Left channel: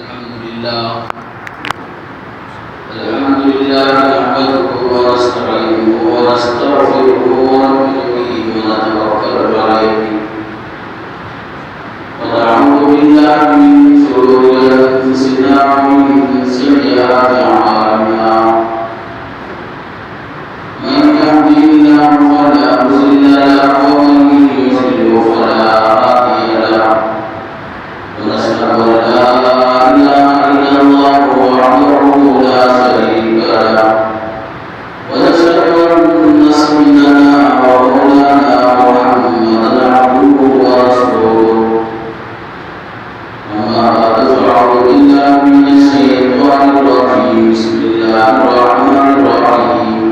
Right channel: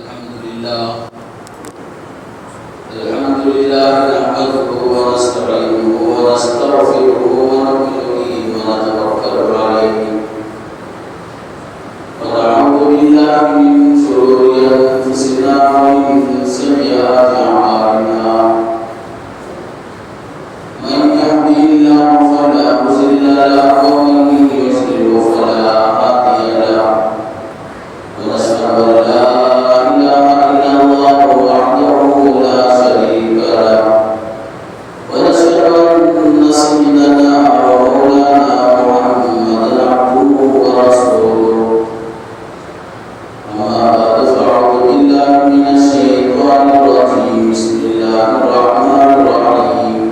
الحمد لله نحمده ونستعينه ونستغفره ونؤمن به ونتوكل عليه ونعوذ بالله من شرور أنفسنا ومن سيئات أعمالنا من يهده الله فلا مضل له ومن يضلل فلا هادي له ونشهد أن لا إله إلا الله وحده لا شريك له ونشهد أن سيدنا ومولانا محمدا عبده ورسوله أما بعد فأعوذ بالله من الشيطان الرجيم بسم الله الرحمن الرحيم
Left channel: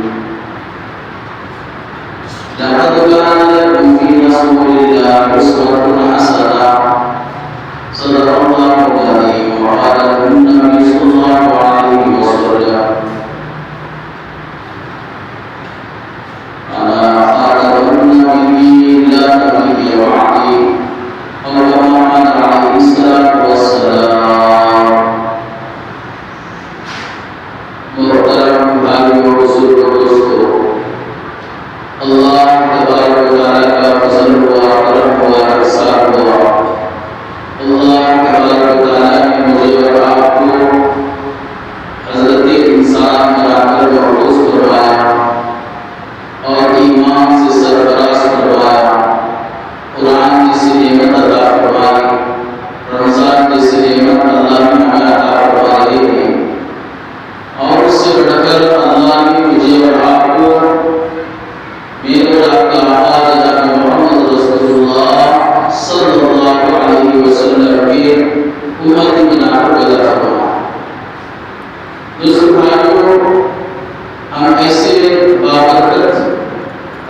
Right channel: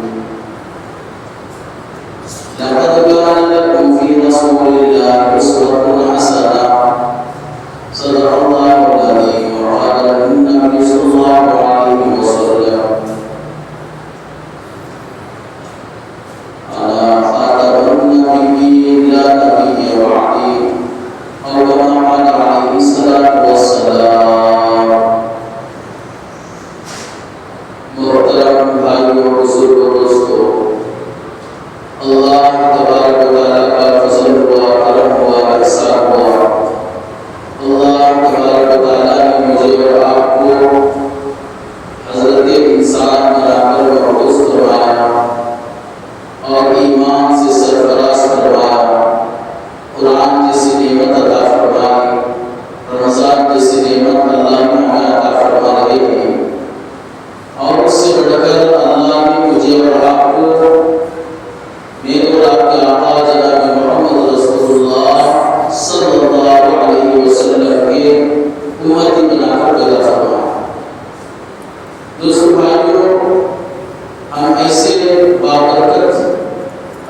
لقد كان لكم في رسول الله أسوة حسنة صدق الله العظيم وقال النبي صلى الله عليه وسلم أنا خاتم النبيين لا نبي بعدي أو كما قال عليه الصلاة والسلام محترم بھائیو بزرگ دوستو اللہ تبارک و تعالی کا فضل و کرم و احسان ہوا اللہ تبارک و تعالی نے مجھے اور آپ کو حضرت انسان بنا کر محفوظ فرمایا اور ایمان سے سرفراز فرمایا قرآن جیسی نعمت عطا فرمائی رمضان جیسی نعمت اللہ نے ہمیں عطا فرمائی ہے اور اس سے بڑھ کر اللہ نے مجھے اور آپ کو میرے اور آپ کے آقا جناب محمد رسول اللہ صلی اللہ علیہ وسلم کے امتی بنا کر پیدا فرمایا۔ دوستو بھائیو، ہم ایسے بابرکت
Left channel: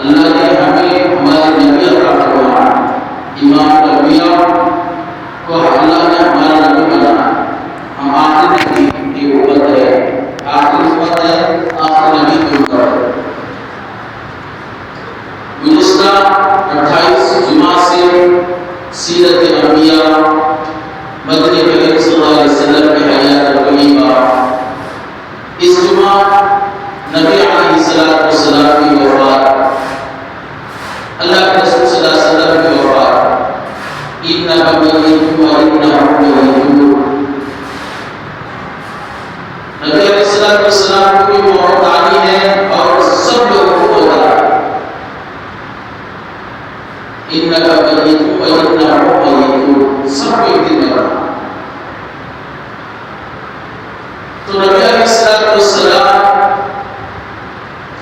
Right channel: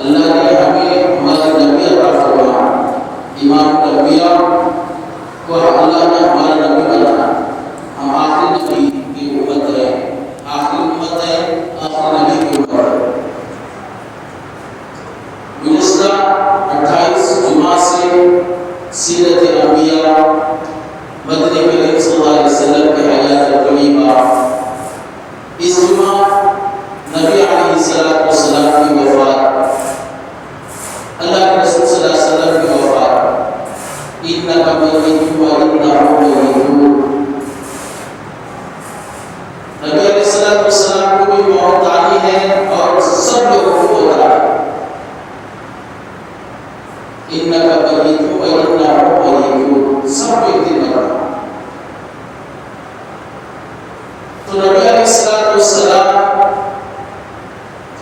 اللہ نے ہمیں ہمارے نبی عطا فرمایا، امام الانبیاء کو اللہ نے ہمارا نبی بنایا۔ ہم آخری نبی کی امت ہے، آخری امت ہے، آخری نبی کی امت ہے۔ گزشتہ 28 جمعہ سے سیرت انبیاء مدنی کریم صلی اللہ علیہ وسلم کی حیات طیبہ، اس جمعہ نبی علیہ السلام کی وفات، اللہ کے رسول صلی اللہ علیہ وسلم کی وفات، اِنَّکَ مَيِّتٌ وَإِنَّهُم مَّيِّتُونَ۔ نبی علیہ السلام کو بھی موت آنی ہے اور سب لوگوں کو موت آنی ہے۔ اِنَّکَ مَيِّتٌ وَإِنَّهُم مَّيِّتُونَ، سب کو ایک دن مرنا۔ تو نبی علیہ السلام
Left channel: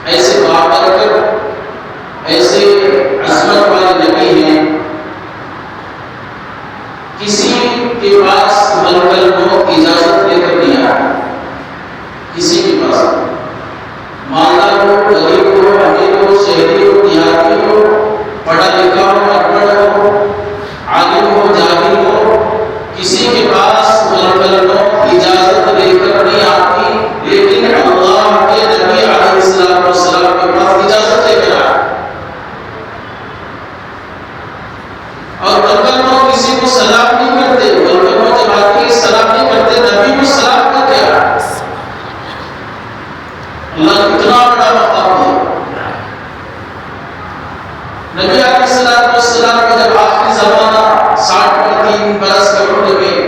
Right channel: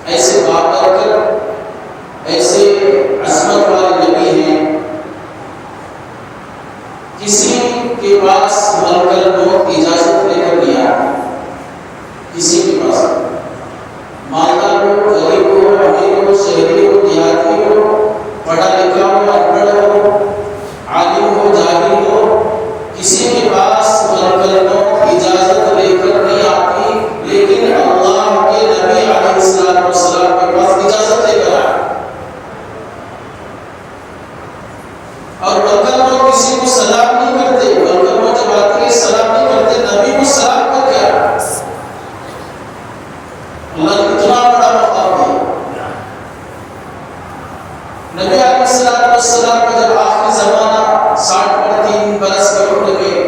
ایسے بابرکت، ایسے عظمت والے نبی ہیں، کسی کے پاس ملک الموت کی اجازت لے کر نہیں آیا، کسی کے پاس، مالدار ہو، غریب ہو، امیر ہو، شہری ہو، دیہاتی ہو، پڑھا لکھا ہو، ان پڑھ ہو، عالم ہو، جاہل ہو، کسی کے پاس ملک الموت کی اجازت لے کر نہیں آتی، لیکن اللہ کے نبی علیہ السلام کے پاس اجازت لے کر آئے۔ اور ملک الموت کسی کو سلام نہیں کرتے، ملک الموت جب آتی ہے سلام نہیں کرتے، نبی کو سلام کرتے آئے۔ اللہ کتنا بڑا مقام ہے۔ نبی علیہ السلام کا جب آخری زمانہ 60 برس کا عمر میں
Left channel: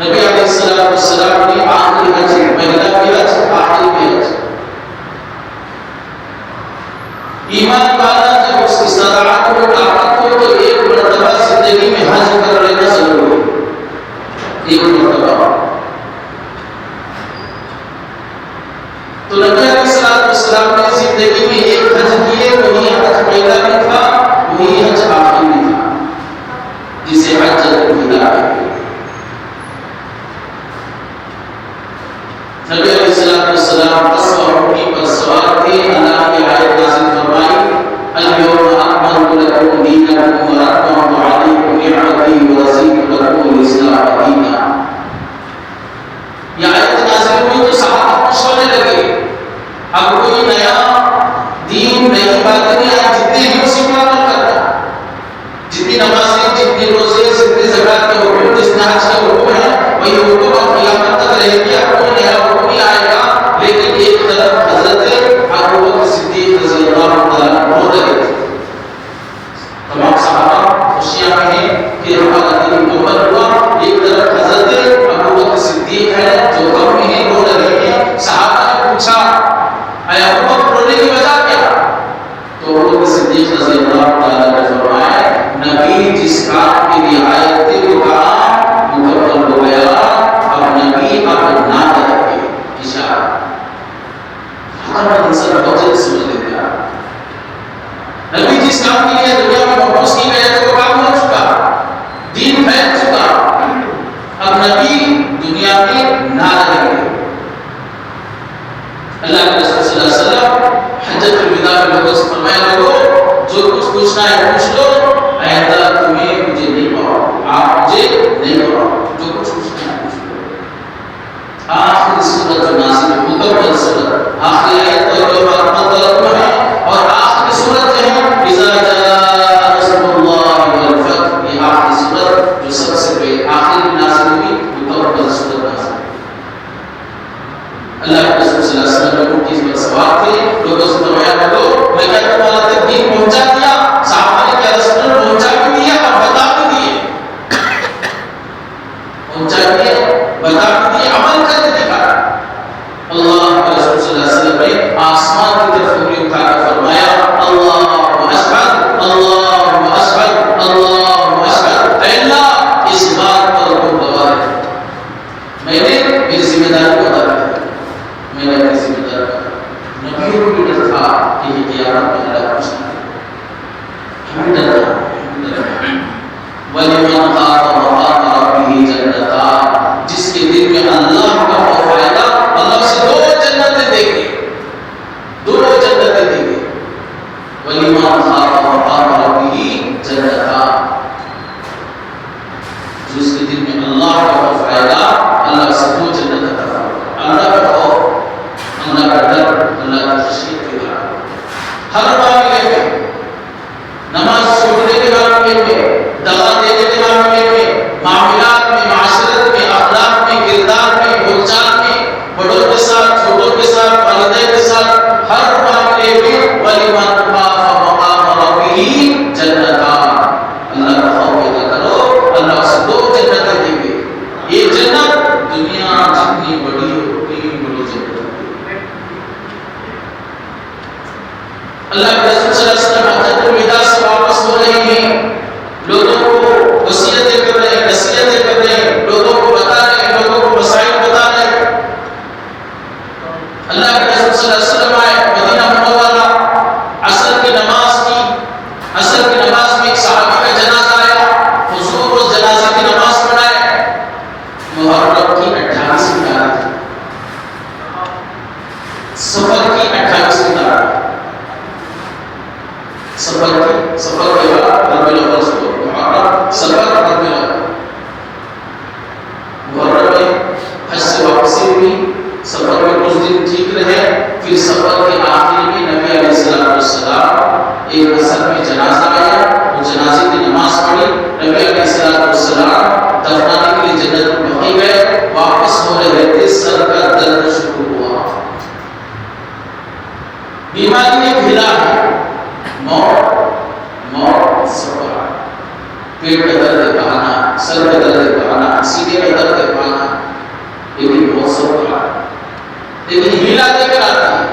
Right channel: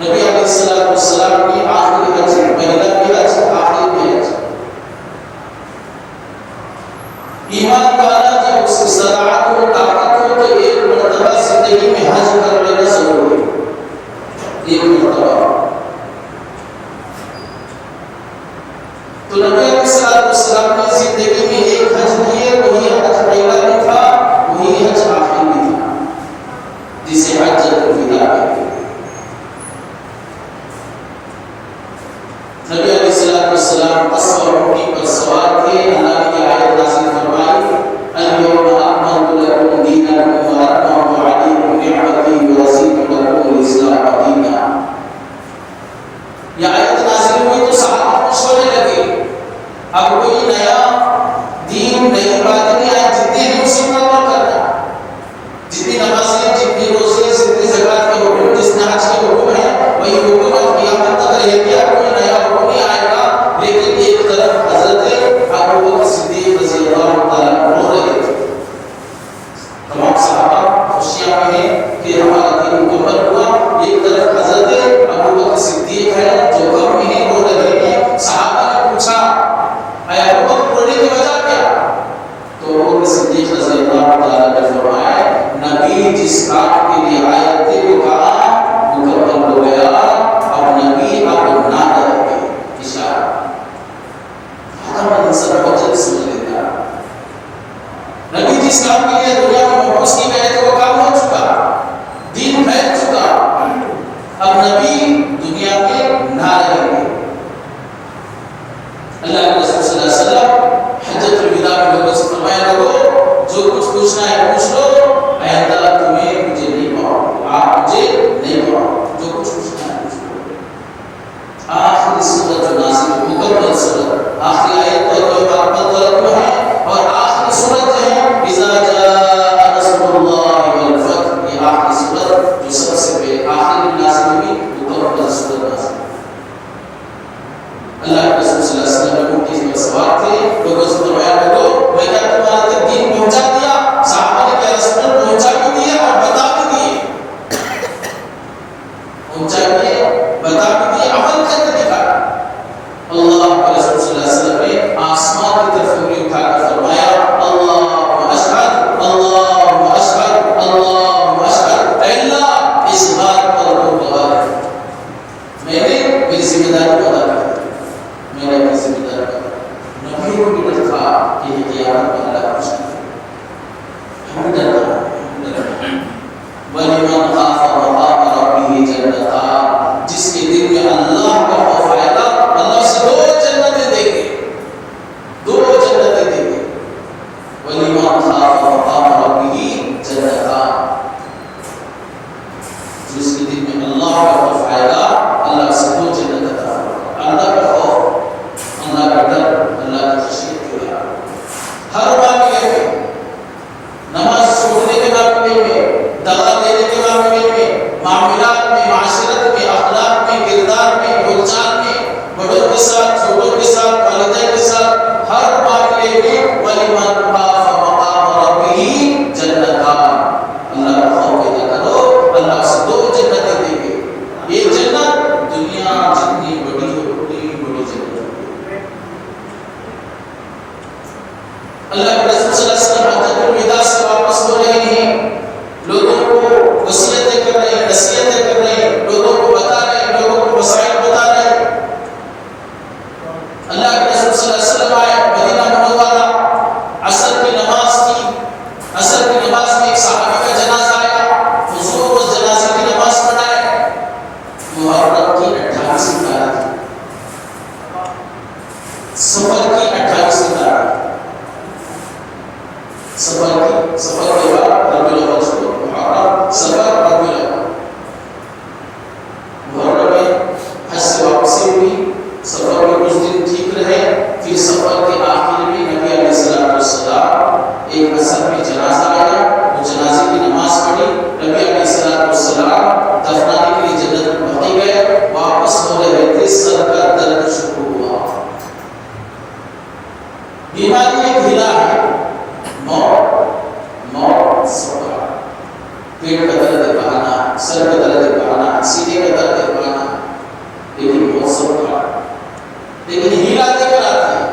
نبی علیہ السلام نے آخری حج، پہلا بھی حج، آخری بھی حج، ایمان والا جب اس کی صلاحت و طاقت ہو تو ایک مرتبہ زندگی میں حج کر لینا ضروری ہے، ایک مرتبہ۔ تو نبی علیہ السلام نے زندگی میں ایک حج کیے، وہی حج پہلا بھی تھا، وہی حج آخری بھی تھا، جسے حجۃ الوداع کہتے ہیں۔ نبی علیہ السلام اسب اور اونٹی پر سوار تھے، اللہ نے یہ آیت نازل فرمائی، اليوم اکملت لکم دینکم واتممت علیکم نعمتی ورضیت لکم الاسلام دینا۔ یہ آیت نازل ہوئی تو صحابہ خوش ہونے لگے، اب کوئی نیا دین، نئی باتیں نہیں آئی، جتنے ہی اسی پر عمل کرنا، جتنی نمازیں، جتنی روزے، جتنی زکوٰۃ کے حکم، جتنا حج کے حکم ہے، وہی حکم صورت جو نازل ہوئی مکمل صورت آخری آیت تو رحمت اللہ ہے اور آخری صورت جو ہے اذا جاء نصر اللہ والفتح یہ آخری صورت جو سب سے پہلے آخری میں نازل ہوئی مکمل صورت نازل اللہ کے رسول صلی اللہ علیہ وسلم نے اس پر سوال تھے لوگوں سے فرمایا لوگوں میں کیا تمہارا تک دین پہنچا دیا صحابہ نے کیا رسول اللہ پہنچا بھی دیا اور بتا بھی دیے پہنچا دیے بتا بھی دیے عمل کر کے دکھایا اللہ کے رسول صلی اللہ علیہ وسلم نے آسمان کی طرف انگلی اٹھا کر فرمایا اللہ اشہد اللہ اشہد اللہ اشہد اے اللہ اس بات پر تم گواہ رہے میں نے میری ذمہ داری کو ادا کر دیا میں نے اپنی ذمہ داری کو نبیوں کو بھی ڈر تھا کہ یہ قیامت میں اللہ پوچھنا ہمیں ڈر تھا وَلِمَنْ خَافَ مَقَامَ رَبِّهِ جَنَّتَانِ جس کے دل میں اللہ کا خوف آئے گا اللہ اسے دو جنتیں دے گے دو جنتیں دے گے وَلِمَنْ خَافَ مَقَامَ رَبِّهِ جَنَّتَانِ جس کے دل میں اللہ کا خوف آئے گا اللہ اسے دو جنتیں عطا فرمائے اللہ کا خوف اللہ کا ڈر اللہ کی خشیت کے بعد ہر معاملے میں نماز چھوڑنے کے معاملے میں دغا دینے کے معاملے میں معاملات میں معاشرت میں اخلاق میں کردار میں بول چال میں بڑوں کے ساتھ چھوٹوں کے ساتھ والدین کے ساتھ ہر معاملے میں وَلِمَنْ خَافَ مَقَامَ رَبِّهِ جَنَّتَانِ اللہ کا خوف پیدا کرو اللہ سے دو جنتیں دیں گے یہ جنت دنیا جتنی بڑی ہو اتنی بڑی جنت ہوگی اللہ کے رسول صلی اللہ علیہ وسلم حجۃ الوداع سے واپس ہو رہے ہیں لوگوں کو وصیتیں کر رہے ہیں نصیحتیں کر رہے ہیں لوگوں کو بتا رہے ہیں لوگوں کو مسائل بتا رہے ہیں اللہ کے رسول صلی اللہ علیہ وسلم آئے مدینہ منورہ عصر کی نماز کی عصر کی نماز میں ایک صحابی کا جنازہ آیا حضور اس جنازے کی نماز پڑھائے محرم کی 28ویں تاریخ سفر کی 28ویں تاریخ سفر کے بعد ربیع الاول سے محرم سفر ربیع الاول محرم میں حج سے واپسی ہوئی سفر میں کچھ دن ٹھیک رہے پھر سفر کے آخر میں نبی علیہ السلام ایک عصر میں جنازہ آیا وہ جنازے کی نماز پڑھی نبی علیہ السلام دفنانے کے لیے جنت البقیع گئے واپس ہو رہے تھے سر کا درد شروع ہوا بیماری ایک ہلا ہے موت سفر پیٹ کا درد پانا سر کا درد پانا سینے کا درد پانا لیکن موت سفر لیکن ہلا دے کر آتی ہے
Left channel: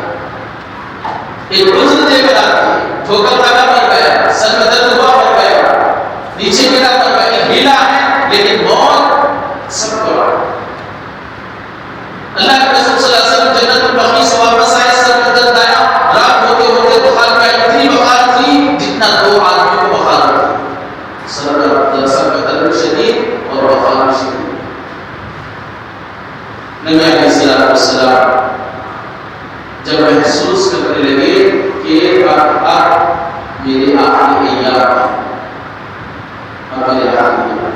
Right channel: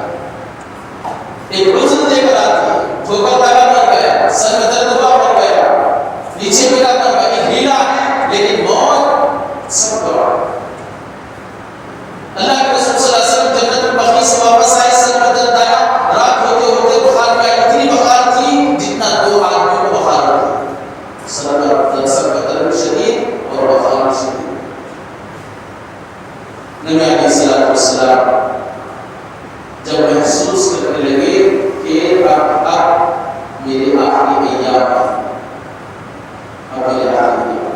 ایک عذر دے کر آتی ہے ٹھوکر لگا مر گیا سر میں درد ہوا مر گیا نیچے گرا مر گیا ایک ہلا ہے لیکن موت سفر اللہ کے رسول صلی اللہ علیہ وسلم جنت البقیع سے واپس آئے سر میں درد آیا رات ہوتے ہوتے بخار میں اتنی بخار تھی جتنا دو آدمیوں کو بخار ہوتی سر کا درد شدید اور بخار شدید نبی علیہ السلام جب محسوس کرنے لگے کہ اب میرے آخری ایام اب میرے آخری ایام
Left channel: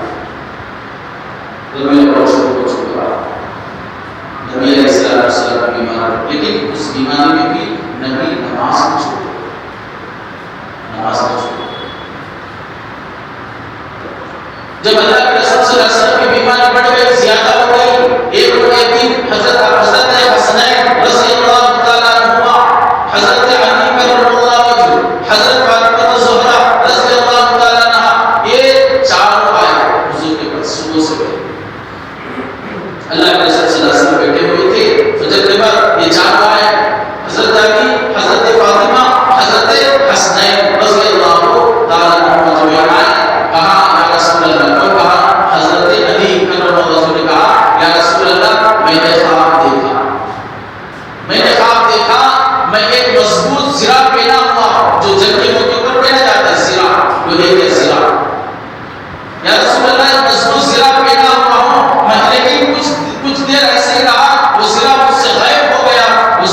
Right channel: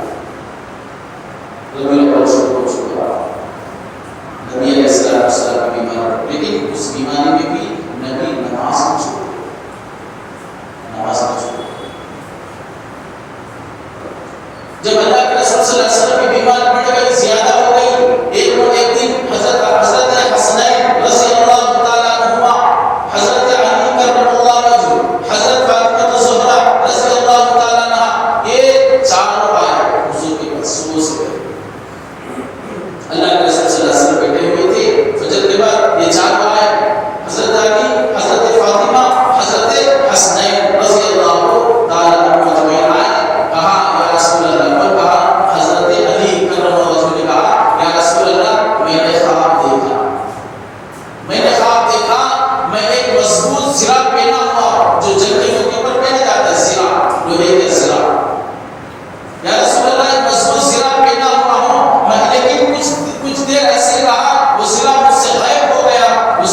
ربیع الاول شروع ہو چکا نبی علیہ السلام کی بیماری لیکن اس بیماری میں بھی نبی نماز کو چھوڑ جب اللہ کے رسول صلی اللہ علیہ وسلم کی بیماری بڑھ گئی زیادہ ہو گئی ایک دن حضرت حسنین رضی اللہ تعالیٰ عنہما حضرت علی کرم اللہ وجہ حضرت فاطمہ الزہرا رضی اللہ تعالیٰ عنہا یہ چاروں آئے حضور کے پاس صبح سے اللہ کے رسول صلی اللہ علیہ وسلم بیٹھے ہوئے تھے فجر کے بعد یہ چاروں آئے حضرت علی حضرت فاطمہ حضرت حسنین رضی اللہ تعالیٰ عنہما جمعین آئے کہا یا رسول اللہ کو کہا حضرت علی کرم اللہ وجہ نے کہا یا رسول اللہ میں نے خواب دیکھا میں ایک مضبوط زرہ پہنا ہوا جو جنگیوں کے اوپر پہنا جاتا ہے زرہ لوہے کے زرہ یا رسول اللہ مضبوط زرہ پہنا ہوا ہوں میں لیکن کچھ دیر ایسے ہی رہا وہ زرہ مجھ سے غائب ہو گیا وہ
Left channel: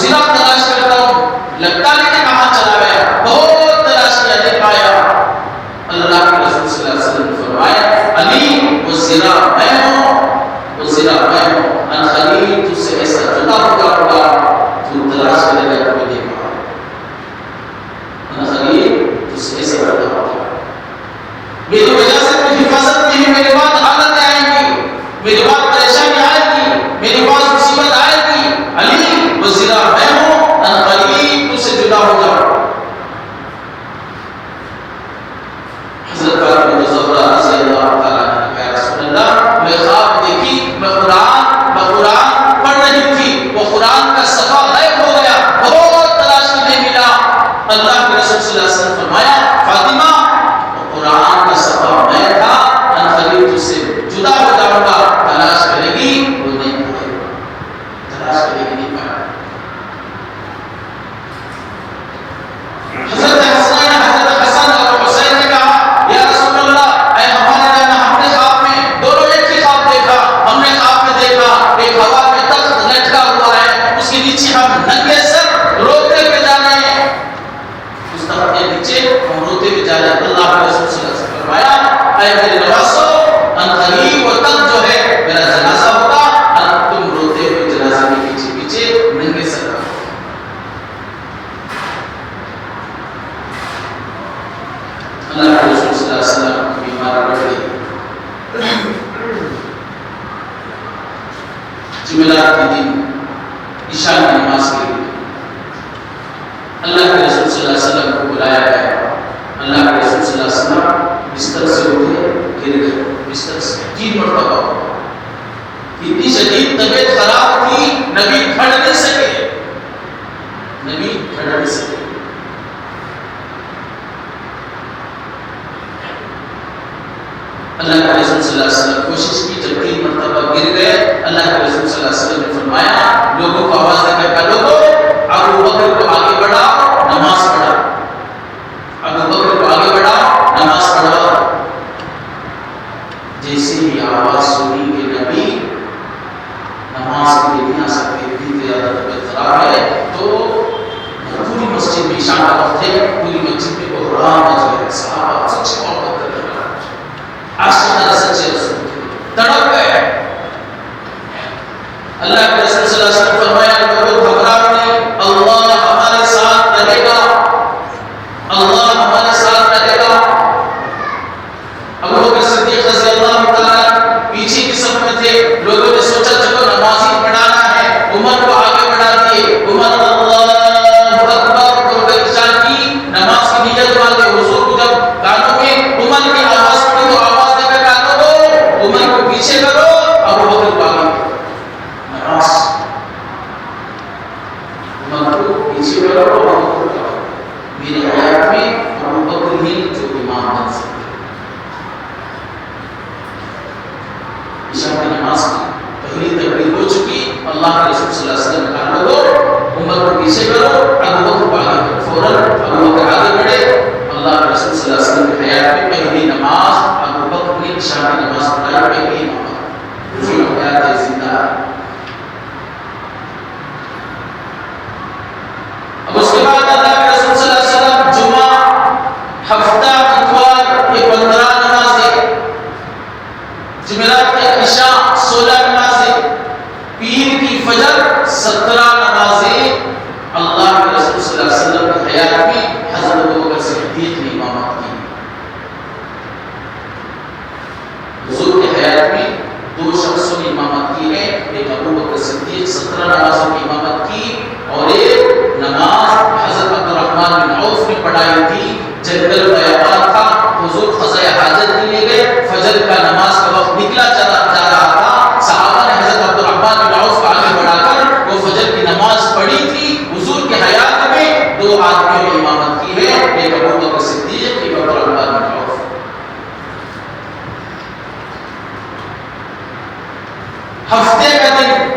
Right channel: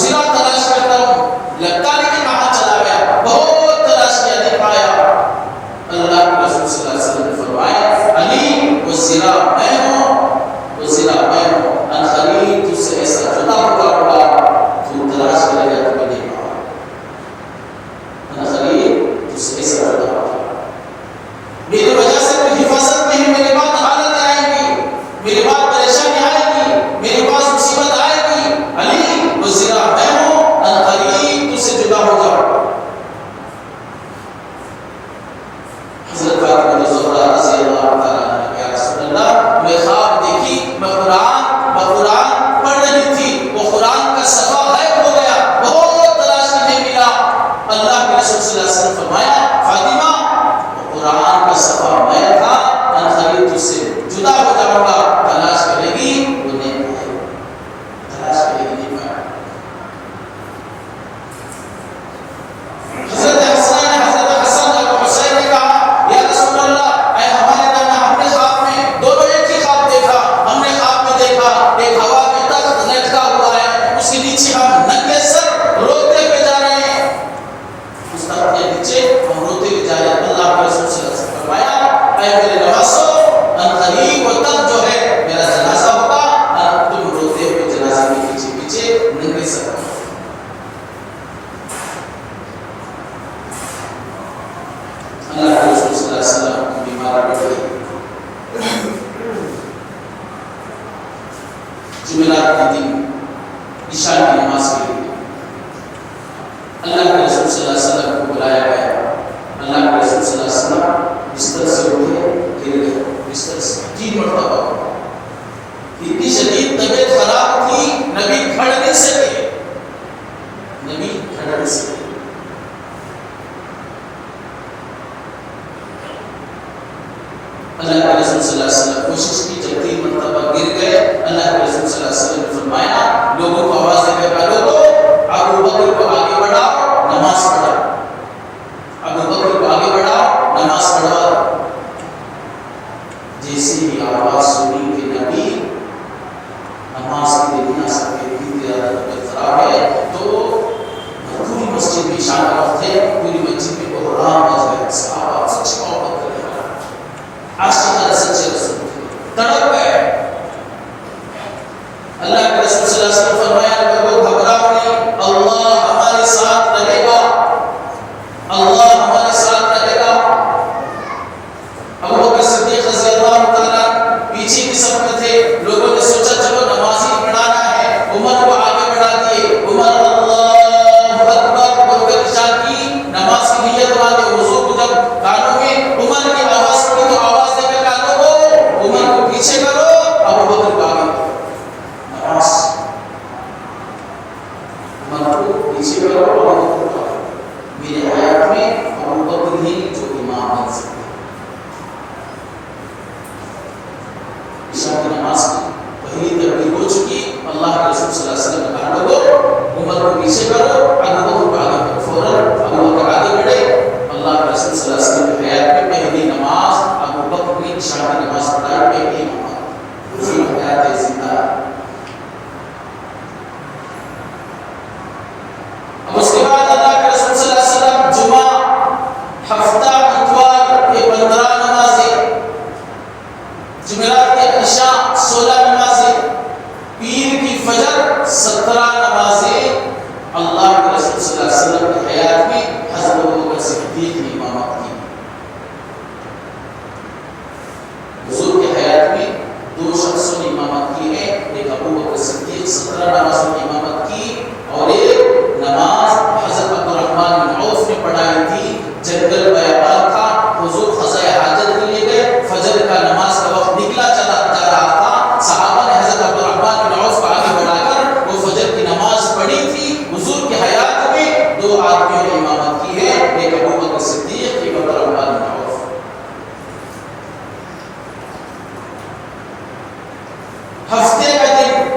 جمعرات کے دن عشاء کی نماز کے لیے اللہ کے رسول صلی اللہ علیہ وسلم کو بلایا گیا. اللہ کے رسول صلی اللہ علیہ وسلم بستر سے اٹھے, گر گئے بستر سے 3 مرتبہ. اتنی شدید طبیعت خراب تھی, نبی کھڑ نہیں سکے, نبی کھڑ نہیں سکے. اللہ کے رسول صلی اللہ علیہ وسلم کوشش کی, جب 3 مرتبہ گر گئے, اللہ کے رسول صلی اللہ علیہ وسلم نے فرمایا, لوگوں کو آواز دے کر کہا, لوگوں ابو بکر کو آگے بڑھاؤ, نماز پڑھاؤ. ابو بکر کو آگے بڑھاؤ, نماز پڑھاؤ. جیسے ہی آواز سنی کہ نبی نماز کے لیے نہ سکتے, اتنی زیادہ طبیعت خراب ہے, تو پوری مسجد میں عشاء کا وقت ہے, پوری مسجد میں بحران مچ گیا. صحابہ سچ محبت کرنے والا, عاشق سچے رسول تڑپ گئے. اللہ کے رسول صلی اللہ علیہ وسلم فرمایا, لوگوں گھبراؤ نہیں, اللہ ہمارے ساتھ رہے گا, اللہ ہمارے ساتھ رہے گا. ابو بکر صدیق رضی اللہ تعالیٰ پیچھے کی صف میں تھے. لوگوں نے سوچا چلو نماز ہی پڑھانا ہے, عمر کو آگے بڑھا دیے. عمر اللہ اکبر بول کر عشاء کی نماز کی نیت باندھے. حضور کو جب کانوں میں عمر کی آواز پڑی تو آواز دے کر کہا, لوگوں عمر کو پیچھے کرو, ابو بکر کو آگے نماز. عمر کو پیچھے کرو, ابو بکر کو آگے. میرے حیات میں ابو بکر ہی جو امام بن سکتے. عشاء کی نماز کی پہلی تکبیر ہو چکی, اللہ کے رسول صلی اللہ علیہ وسلم نے کہا, لوگوں عمر کو پیچھے کرو, ابو بکر کو آگے کرو. فوراً ابو بکر آگے بڑھے. اللہ کے رسول صلی اللہ علیہ وسلم کی حیات میں پہلی نماز ابو بکر نے عشاء کی نماز پڑھائی, پہلی نماز. حضور حیات زندہ. اب اس کے بعد اللہ کے رسول صلی اللہ علیہ وسلم جمعہ, ہفتہ, اتوار یہ 15 نمازیں, جمعرات کی عشاء 16 نمازیں, پیر کی فجر 17 نمازیں. اللہ کے رسول صلی اللہ علیہ وسلم کی حیات میں حضرت ابوبکر صدیق نے امامت کی. حضور کی حیات میں 2 شخصوں نے امامت کی ہے. ایک ابوبکر صدیق 17 نمازوں کی امامت کی, اور ایک نماز حضرت عبدالرحمن بن عوف نے پڑھائی تھی. جنگل بیابان تھا, حضور قضاء حاجت کے لیے گئے, فجر کا نماز کا وقت نکلا جا رہا تھا. صحابہ نے حضرت عبدالرحمن بن عوف کو آگے بڑھا کر وہ فجر کی نماز پڑھی تھی. حضور کی حیات میں 2 آدمیوں نے امامت کی ہے, ایک ابوبکر صدیق, ایک عبدالرحمن بن عوف. ہفتے کا دن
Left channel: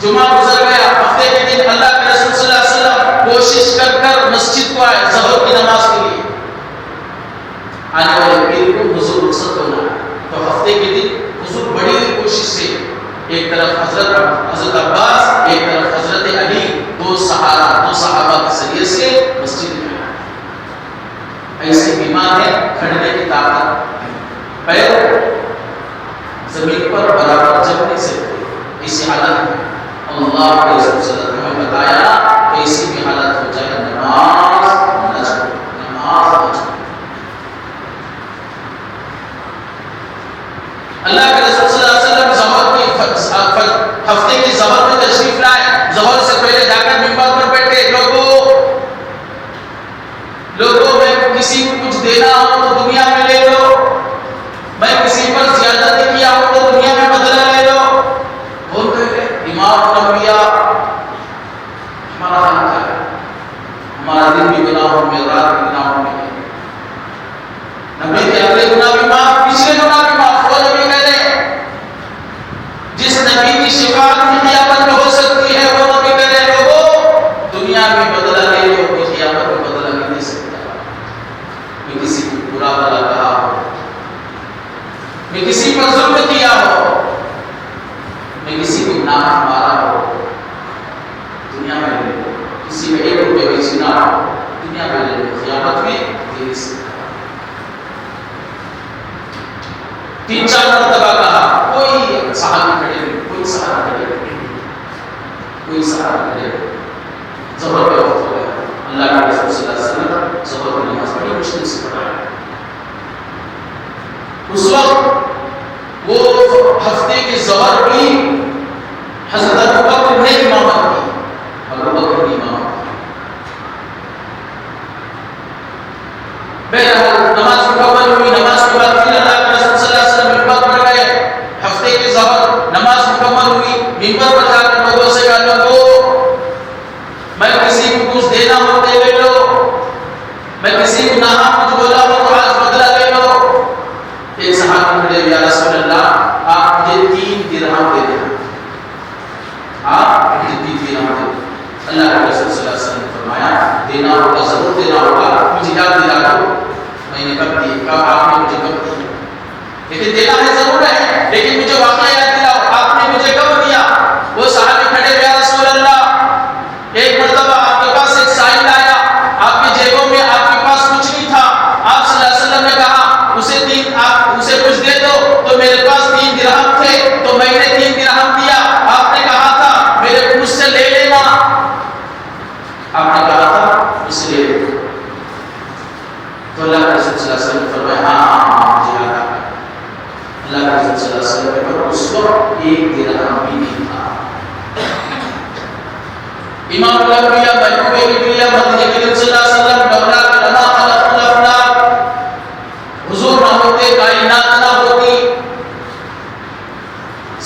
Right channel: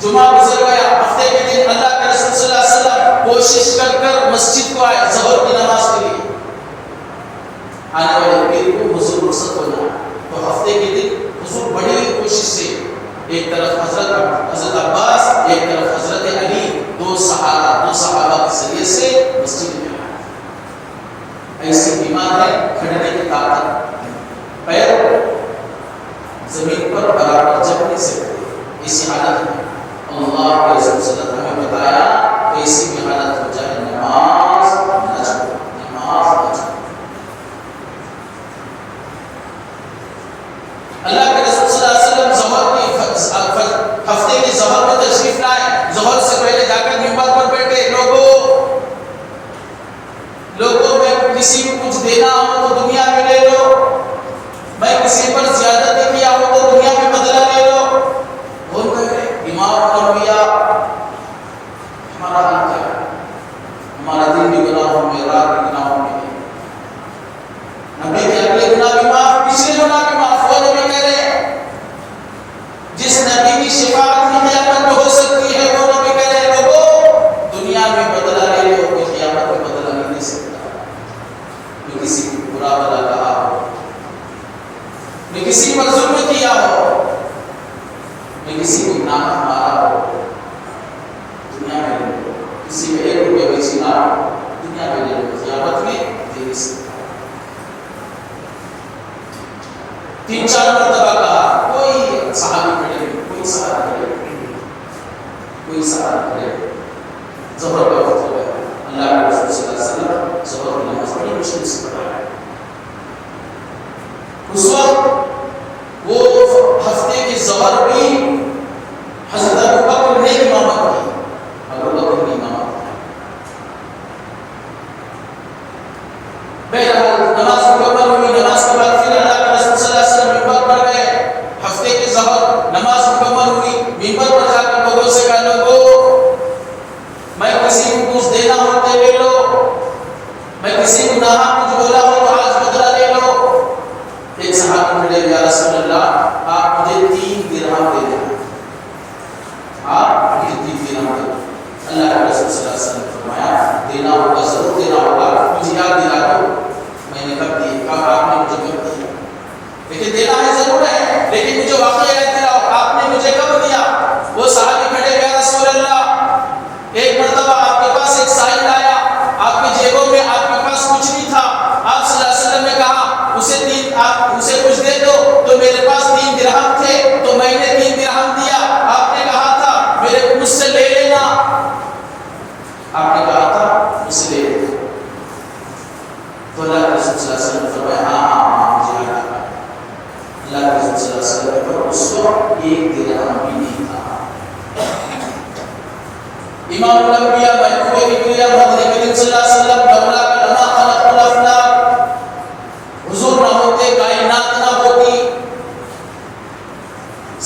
جمعہ گزر گیا. ہفتے کے دن اللہ کے رسول صلی اللہ علیہ وسلم کوشش کر مسجد کو آئے ظہر کی نماز کے لیے. آنے والے پیر کو حضور رخصت ہونا ہے, تو ہفتے کے دن حضور بڑی ہوئی کوشش سے, ایک طرف حضرت عباس, ایک طرف حضرت علی, 2 صحابہ کے ذریعے سے مسجد میں آئے. ایسے بیمار ہیں, کھڑنے کی طاقت, پیر زمین پر برابر جم نہیں سکتے, اسی حالت میں اللہ کے رسول صلی اللہ علیہ وسلم نے بتایا کہ ایسی بھی حالت ہو جائے نماز نہ چھوڑو, نماز نہ چھوڑو. اللہ کے رسول صلی اللہ علیہ وسلم ہفتے کی ظہر میں تشریف لائے. ظہر سے پہلے جا کر منبر پر بیٹھے, لوگوں میں کسی کو کچھ دینا ہو تو دنیا میں لے لو, میں کسی پر زیادتی کیا ہو تو دنیا میں بدلہ لے لو. بول رہے امام الانبیاء, ہمارا حال کیا ہے؟ ہمارا دن بھی گناہوں میں, رات بھی گناہوں میں. نبی کے اگلے گناہ بھی معاف, پچھلے گناہ بھی معاف. وہ نبی کہہ رہے, جس نبی کی شفاعت بھی قیامت میں ہو سکتی ہے, وہ نبی کہہ رہے, لوگوں دنیا میں بدلہ لے لو, کوئی قیامت میں بدلہ نہیں دے سکتا. میں کسی کو برا بھلا کہا ہو, میں کسی پر ظلم کیا ہو, میں کسی کو گناہ مارا ہو, دنیا میں لے لو. کسی میں 1 روپے بھی چھینا ہو, دنیا میں لے لو, قیامت میں دے نہیں سکتا. 3-4 مرتبہ کہا, کوئی صحابی کھڑے نہیں, کوئی سہارا کھڑے نہیں, کوئی سہارا کھڑے نہیں. ظہر کا وقت ہو گیا. اللہ کے رسول صلی اللہ علیہ وسلم ظہر کی نماز بڑی مشکل سے پڑھایا. اس وقت وہ ہفتے کی ظہر بھی کسی گناہ کچھ بولا ہو تو آج بدلہ لے لو. ایک صحابی کھڑے یا رسول اللہ آپ مجھے 3 درہم دے دیں. آپ مجھے 3 درہم دے دیں. اللہ کے رسول صلی اللہ علیہ وسلم نے فرمایا دینا ہوگا, ضرور دینا ہوگا, مجھے یاد دلا دو. میں نے کب دی, کب آپ نے مجھے کب دی, لیکن دینا ہے ضرور ہے, لیکن مجھے واقعہ یاد دلاؤ آپ نے مجھے کب دیا. وہ صحابی کھڑے یا رسول اللہ ایک مرتبہ آپ کے پاس ایک سائل آیا, آپ کی جیبوں میں آپ کے پاس کچھ نہیں تھا, آپ صلی اللہ علیہ وسلم نے کہا اسے کچھ دے دو, تو میرے پاس 3 درہم تھے تو میں نے 3 درہم دیا. آپ نے کہا تھا مجھ سے لے لینا, آپ نے کہا تھا مجھ سے لے لینا. تو اللہ کے رسول صلی اللہ علیہ وسلم نے فرمایا ہاں مجھے یاد آ گیا. اللہ کے رسول صلی اللہ علیہ وسلم نے فرمایا اس وقت 1 درہم بھی نہیں تھا. امام الانبیاء محبوب کبریاء مدنی کریم صلی اللہ علیہ وسلم لولا لما خلق الافلاک, حضور نہ ہوتے کائنات نہ ہوتی,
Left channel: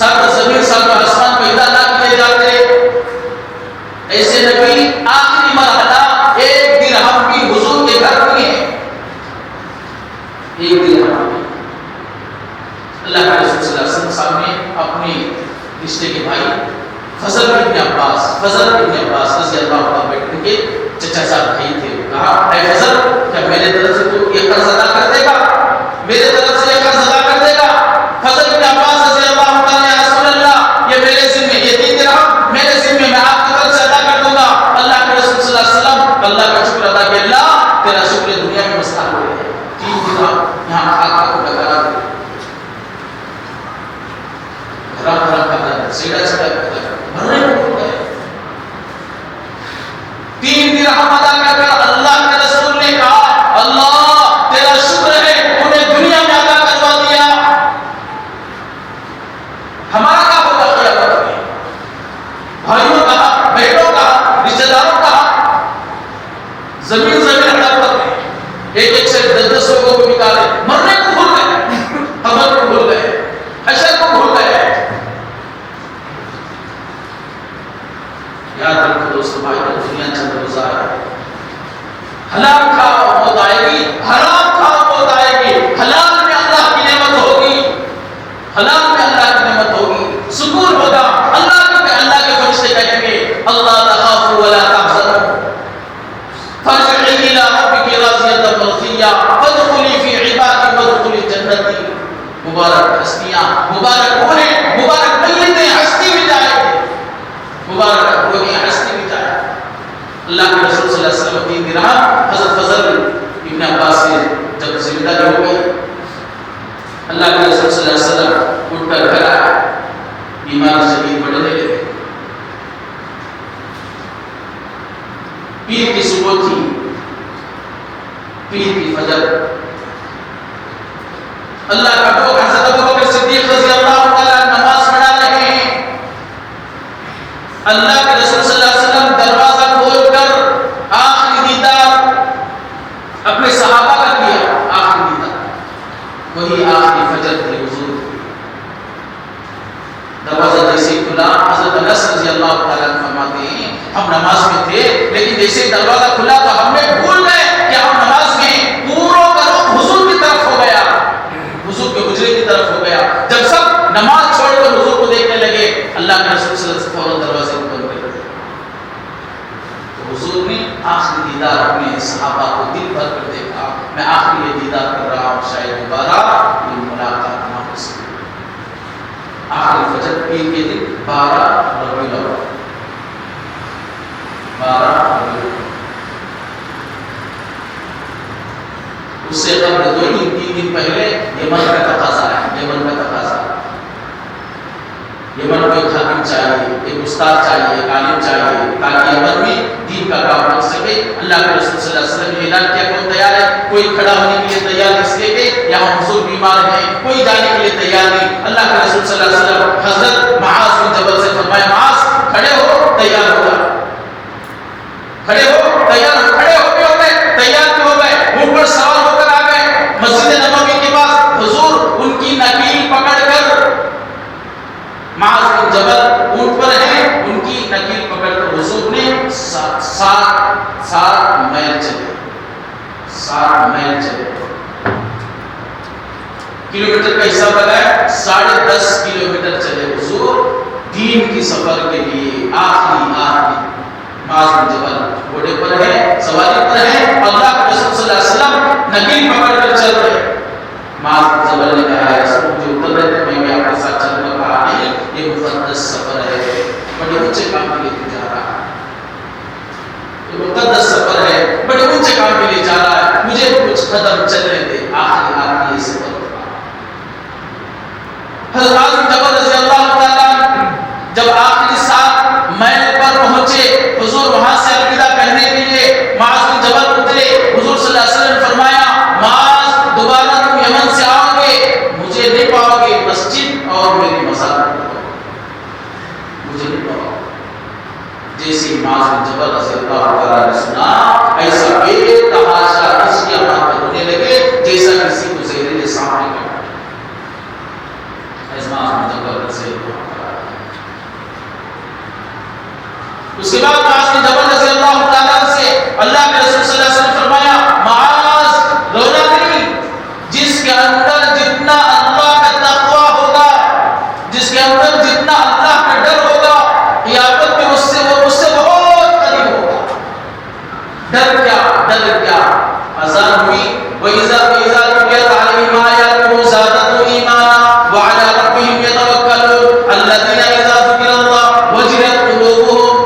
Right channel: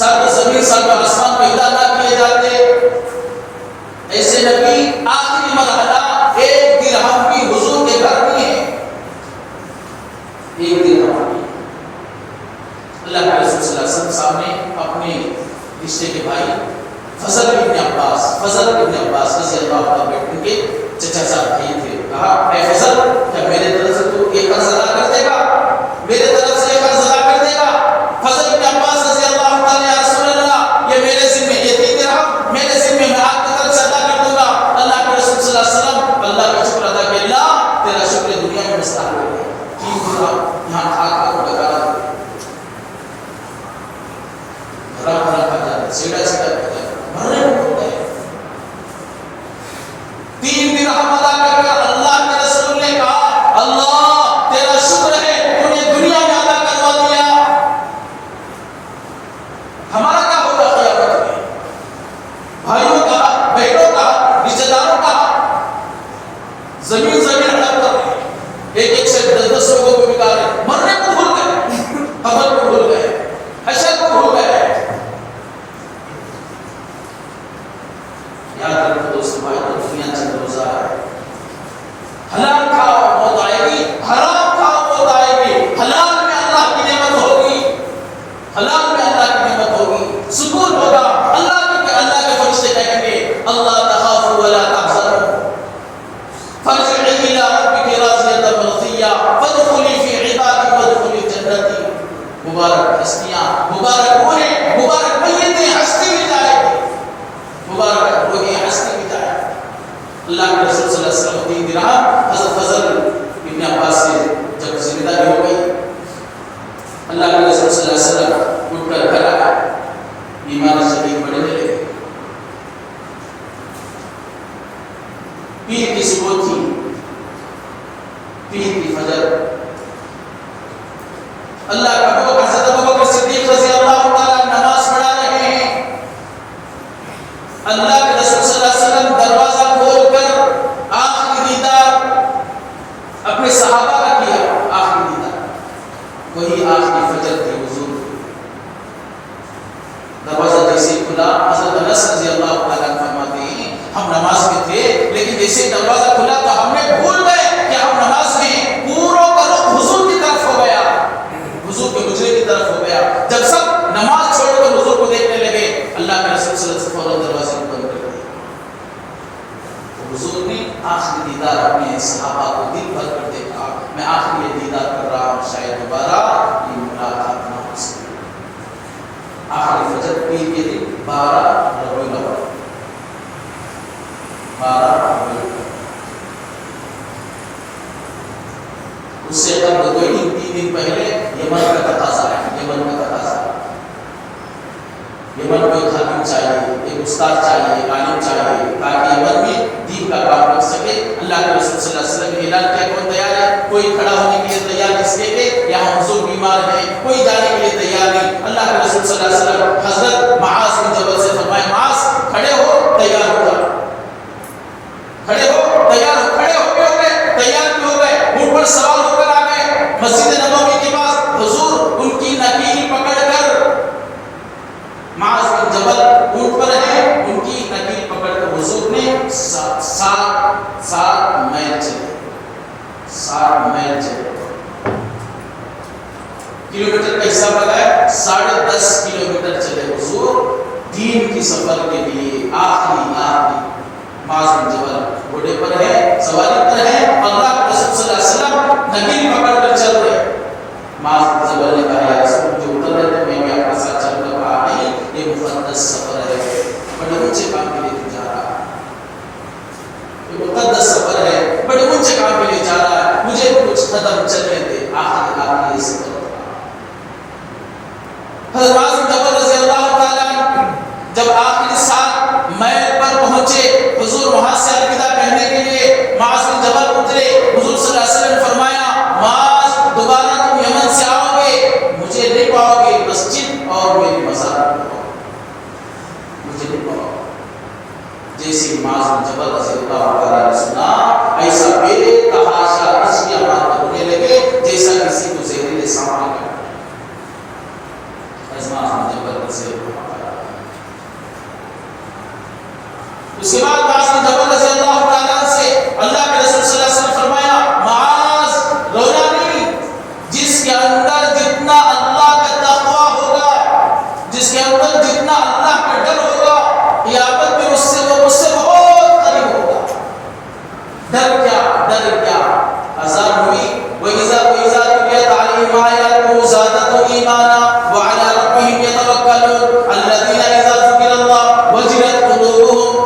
سب زمین سب آسمان پیدا نہ کیے جاتے. ایسے نبی آخری مرحلہ 1 درہم بھی حضور کے گھر میں ہے. 1 درہم بھی. اللہ کے رسول صلی اللہ علیہ وسلم سامنے اپنے رشتے کے بھائی فضل ابن عباس رضی اللہ عنہ بیٹھے کے چچا صاحب بھائی تھے. کہا اے فضل کیا میرے طرف سے تو یہ قرض ادا کر دے گا, میرے طرف سے یہ قرض ادا کر دے گا. فضل ابن عباس رضی اللہ عنہ یا رسول اللہ یہ میرے ذمہ, یہ 3 درہم میرے ذمہ, میں آپ کی طرف سے ادا کر دوں گا. اللہ کے رسول صلی اللہ علیہ وسلم اللہ کا شکر ادا کیا, اللہ تیرا شکر دنیا میں مستحق ہے. 3 درہم یہاں خاک کو ڈکا بھرا بھرا کرتا سیڑھا سیڑھا کرتا مرنے کو ہو گئے. 3 درہم ادا کر کر اللہ کے رسول نے کہا اللہ تیرا شکر ہے انہیں دنیا میں ادا کروا دیا. ہمارا کیا ہوگا قیامت میں؟ بھائیوں کا, بہنوں کا, رشتہ داروں کا زمین ہڑپ کر رہے, ایک سے 10 لوگوں کو نکالے, مرنے کو بھول گئے, قبر کو بھول گئے, حشر کو بھول گئے. یاد رکھو دوستو بھائی دنیا چند روزہ ہے. حلال کھاؤ موت آئے گی, حرام کھاؤ موت آئے گی. حلال میں اللہ کی نعمت ہوگی, حلال میں اللہ کی نعمت ہوگی, سکون ہوگا. اللہ کے فرشتے کہیں گے اللہ تخافوا ولا تحزنوا فارجعي الى ربك راضية مرضية فادخلي في عبادي وادخلي جنتي. مبارک ہستیاں, مبارک روحیں, مبارک میتیں, ہستی بھی جائے گی, مبارک روحیں, ہستی بھی جائے. اللہ کے رسول صلی اللہ علیہ وسلم 3 درہم حضرت فضل ابن عباس سے جب ذمہ داری ہو گئی, اللہ کے رسول صلی اللہ علیہ وسلم اٹھ کر گھر آئے. بیمار شدید بڑھنے لگے. پیر کی صبح تھی, پیر کی فجر. اللہ کا حضرت ابوبکر صدیق رضی اللہ تعالیٰ نماز پڑھا رہے ہیں. اللہ کے رسول صلی اللہ علیہ وسلم دروازہ کھول کر آخری دیدار اپنے صحابہ کا کیا. آخری دیدار وہی آخری فجر تھی حضور. دروازہ جیسے کھلا, حضرت انس رضی اللہ تعالیٰ فرماتے ہیں ہم نماز میں تھے لیکن جیسے دروازہ کھلا تو ہم نے بھول گئے کہ ہم نماز میں پورا کرو حضور کی طرف ہو گیا, حضور کے حجرے کی طرف ہو گیا. جب سب نماز چھوڑ کر حضور کو دیکھنے لگے, اللہ کے رسول صلی اللہ علیہ وسلم فوراً دروازے کو بند کر دیا. تو حضور نے آخری دیدار اپنے صحابہ کو دل بھر کر دیکھا, میں آخری یہ دیدار کر رہا ہوں, شاید دوبارہ یہ ملاقات نہ ہو سکے. آخری فجر پیر کے دن 12 ربیع الاول, 12 ربیع الاول. اس سے قبل 2-3 دن پہلے یمن کا تقاضا ہے, یمن کا تقاضا. یمن کو ایک حاکم چاہیے, ایک استاد چاہیے, ایک عالم چاہیے تاکہ یمن میں دین کا کام کر سکے. اللہ کے رسول صلی اللہ علیہ وسلم نے اعلان کیا کون تیار ہے؟ کوئی کھڑا ہونے کے لیے تیار اس لیے کہ یہاں حضور بیمار ہیں, کوئی جانے کے لیے تیار نہیں. اللہ کے رسول صلی اللہ علیہ وسلم حضرت معاذ بن جبل سے فرمایا معاذ کھڑے ہو, تیار ہو جا, کھڑے ہو, تیار ہو. کھڑے ہو بھی ہو گئے, تیار بھی ہو گئے, اونٹ پر سوار ہو کر آ گئے مسجد نبوی کے پاس. حضور ان کی نکیل پکڑ کر, معاذ بن جبل اونٹ پر ہیں, ان کی نکیل پکڑ کر حضور نے 7 میل چلے, 7 حساب لگائے 10.5 کلومیٹر چلے حضور دین کی سفر کے لیے. آخری معاذ بن جبل گھوڑے پر ہے, سواری پر ہے, اللہ کے رسول صلی اللہ علیہ وسلم نگین پکڑ کر چل رہے. معاذ بن جبل نے کہا ہے اس مجھے اتر رہے تھے, میں آپ کے ساتھ چلنا کہا نہیں, یہ مقدس سفر ہے, بڑے اونچے کام کے لیے جا رہا ہے, یہ مقدس سفر ہے, بڑے اونچے کام کے لیے جا رہا ہے, مجھے کچھ قدم چلنے دے. آخری یہ سفر تھا. حضرت معاذ بن جبل رضی اللہ تعالیٰ جب آخری 7 میل پر پہنچے, حضور وہاں سے الوداع کہنے کے لیے معاذ بن جبل اترے. حضور صلی اللہ علیہ وسلم نے فرمایا معاذ دوبارہ تم یمن سے آؤ گے, مجھے نہیں پاؤ گے, مسجد اور میری مزار مجھے نہیں پاؤ. جیسے معاذ بن جبل رضی اللہ تعالیٰ نے سنا, ایسا بے تحاشا عشق آباد ہونے لگے جیسا کسی کو زہریلے سانپ نے کاٹا. معاذ بن جبل رضی اللہ تعالیٰ. اس کے بعد معاذ بن جبل رضی اللہ تعالیٰ سے اللہ کے رسول صلی اللہ علیہ وسلم فرمایا معاذ رونا نہیں, جس کے اندر جتنا اللہ کا تقوی ہوگا, جس کے اندر جتنا اللہ کا ڈر ہوگا, قیامت میں اس سے بہت قریب ہوگا. ڈر کیا اذان ہوئی, وَإِذَا تُلِيَتْ عَلَيْهِمْ آيَاتُهُ زَادَتْهُمْ إِيمَانًا وَعَلَىٰ رَبِّهِمْ يَتَوَكَّلُونَ الَّذِينَ إِذَا ذُكِرَ اللَّهُ وَجِلَتْ قُلُوبُهُمْ.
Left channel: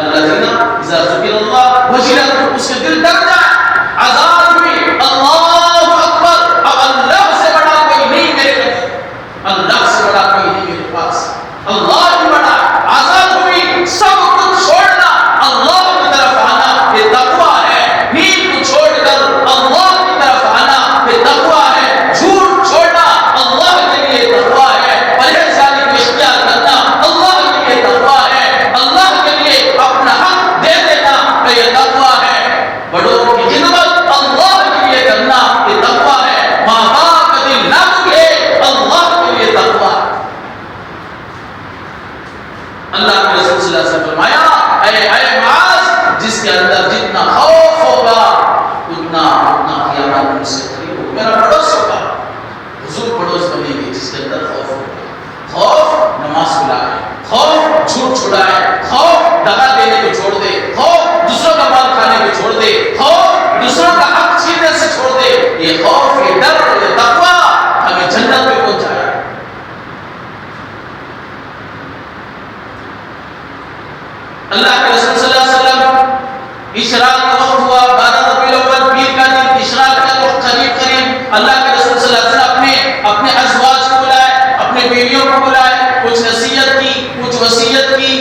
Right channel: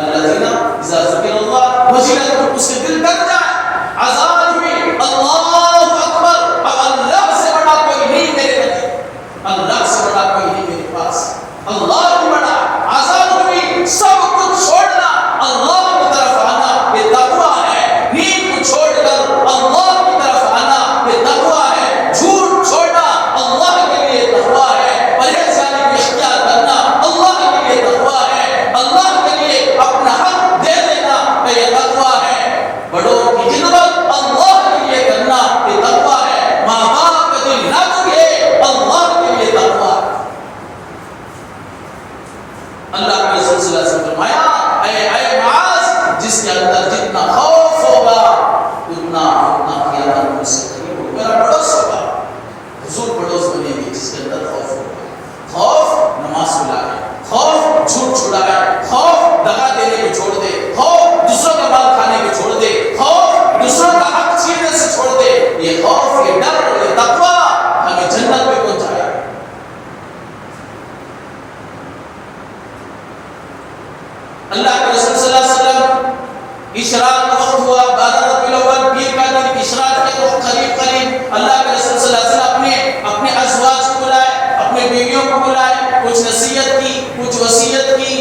الَّذِينَ إِذَا ذُكِرَ اللَّهُ وَجِلَتْ قُلُوبُهُم, اس کے دل ڈر جائے. اذان ہوئی, اللہ اکبر, اب اللہ سے بڑا کوئی نہیں میرے قریب, اللہ سے بڑا کوئی نہیں میرے پاس, اللہ ہی بڑا. اذان ہوئی, سب کچھ چھوڑنا, اللہ کی طرف آنا, یہ تقویٰ ہے. نیند کو چھوڑ کر اللہ کی طرف آنا, یہ تقویٰ ہے. جھوٹ چھوڑنا اللہ کے لیے تقویٰ ہے. پرہیزگاری کو اختیار کرنا اللہ کے لیے تقویٰ ہے. اللہ کے لیے اپنا حق دے دینا یہ تقویٰ ہے. بڑوں کی خدمت اللہ کے لیے کرنا یہ تقویٰ ہے. ماں باپ کا دل نہ دکھے اللہ کے لیے تقویٰ ہے. اللہ کے رسول صلی اللہ علیہ وسلم فرمایا اے معاذ, جس کے اندر جتنا خوف ہوگا اتنا قیامت مجھ سے قریب ہوگا, میرا پڑوس ہوگا. حضور پڑوس بنے گی جس کے اندر خوف ہوگا. خوف نماز کو لائے, خوف جھوٹ چھڑائے, خوف دغا دینے کو چھوڑ دے, خوف دوسروں کا مال کھانے کو چھوڑ دے, خوف دوسروں کا حق چھیننے سے چھوڑ دے. یہ خوف, یہ ڈر, یہ تقویٰ ہمیں جنت میں پہنچ جائے. اللہ کے رسول صلی اللہ علیہ وسلم اشراق کا وقت ہوا, 12 ربیع الاول پیر کا دن, اشراق کا وقت قریب. اللہ کے رسول صلی اللہ علیہ وسلم اپنے ازواج کو بلائے, اپنے بیویوں کو بلائے, کچھ نصیحت کی, کچھ وصیت کی.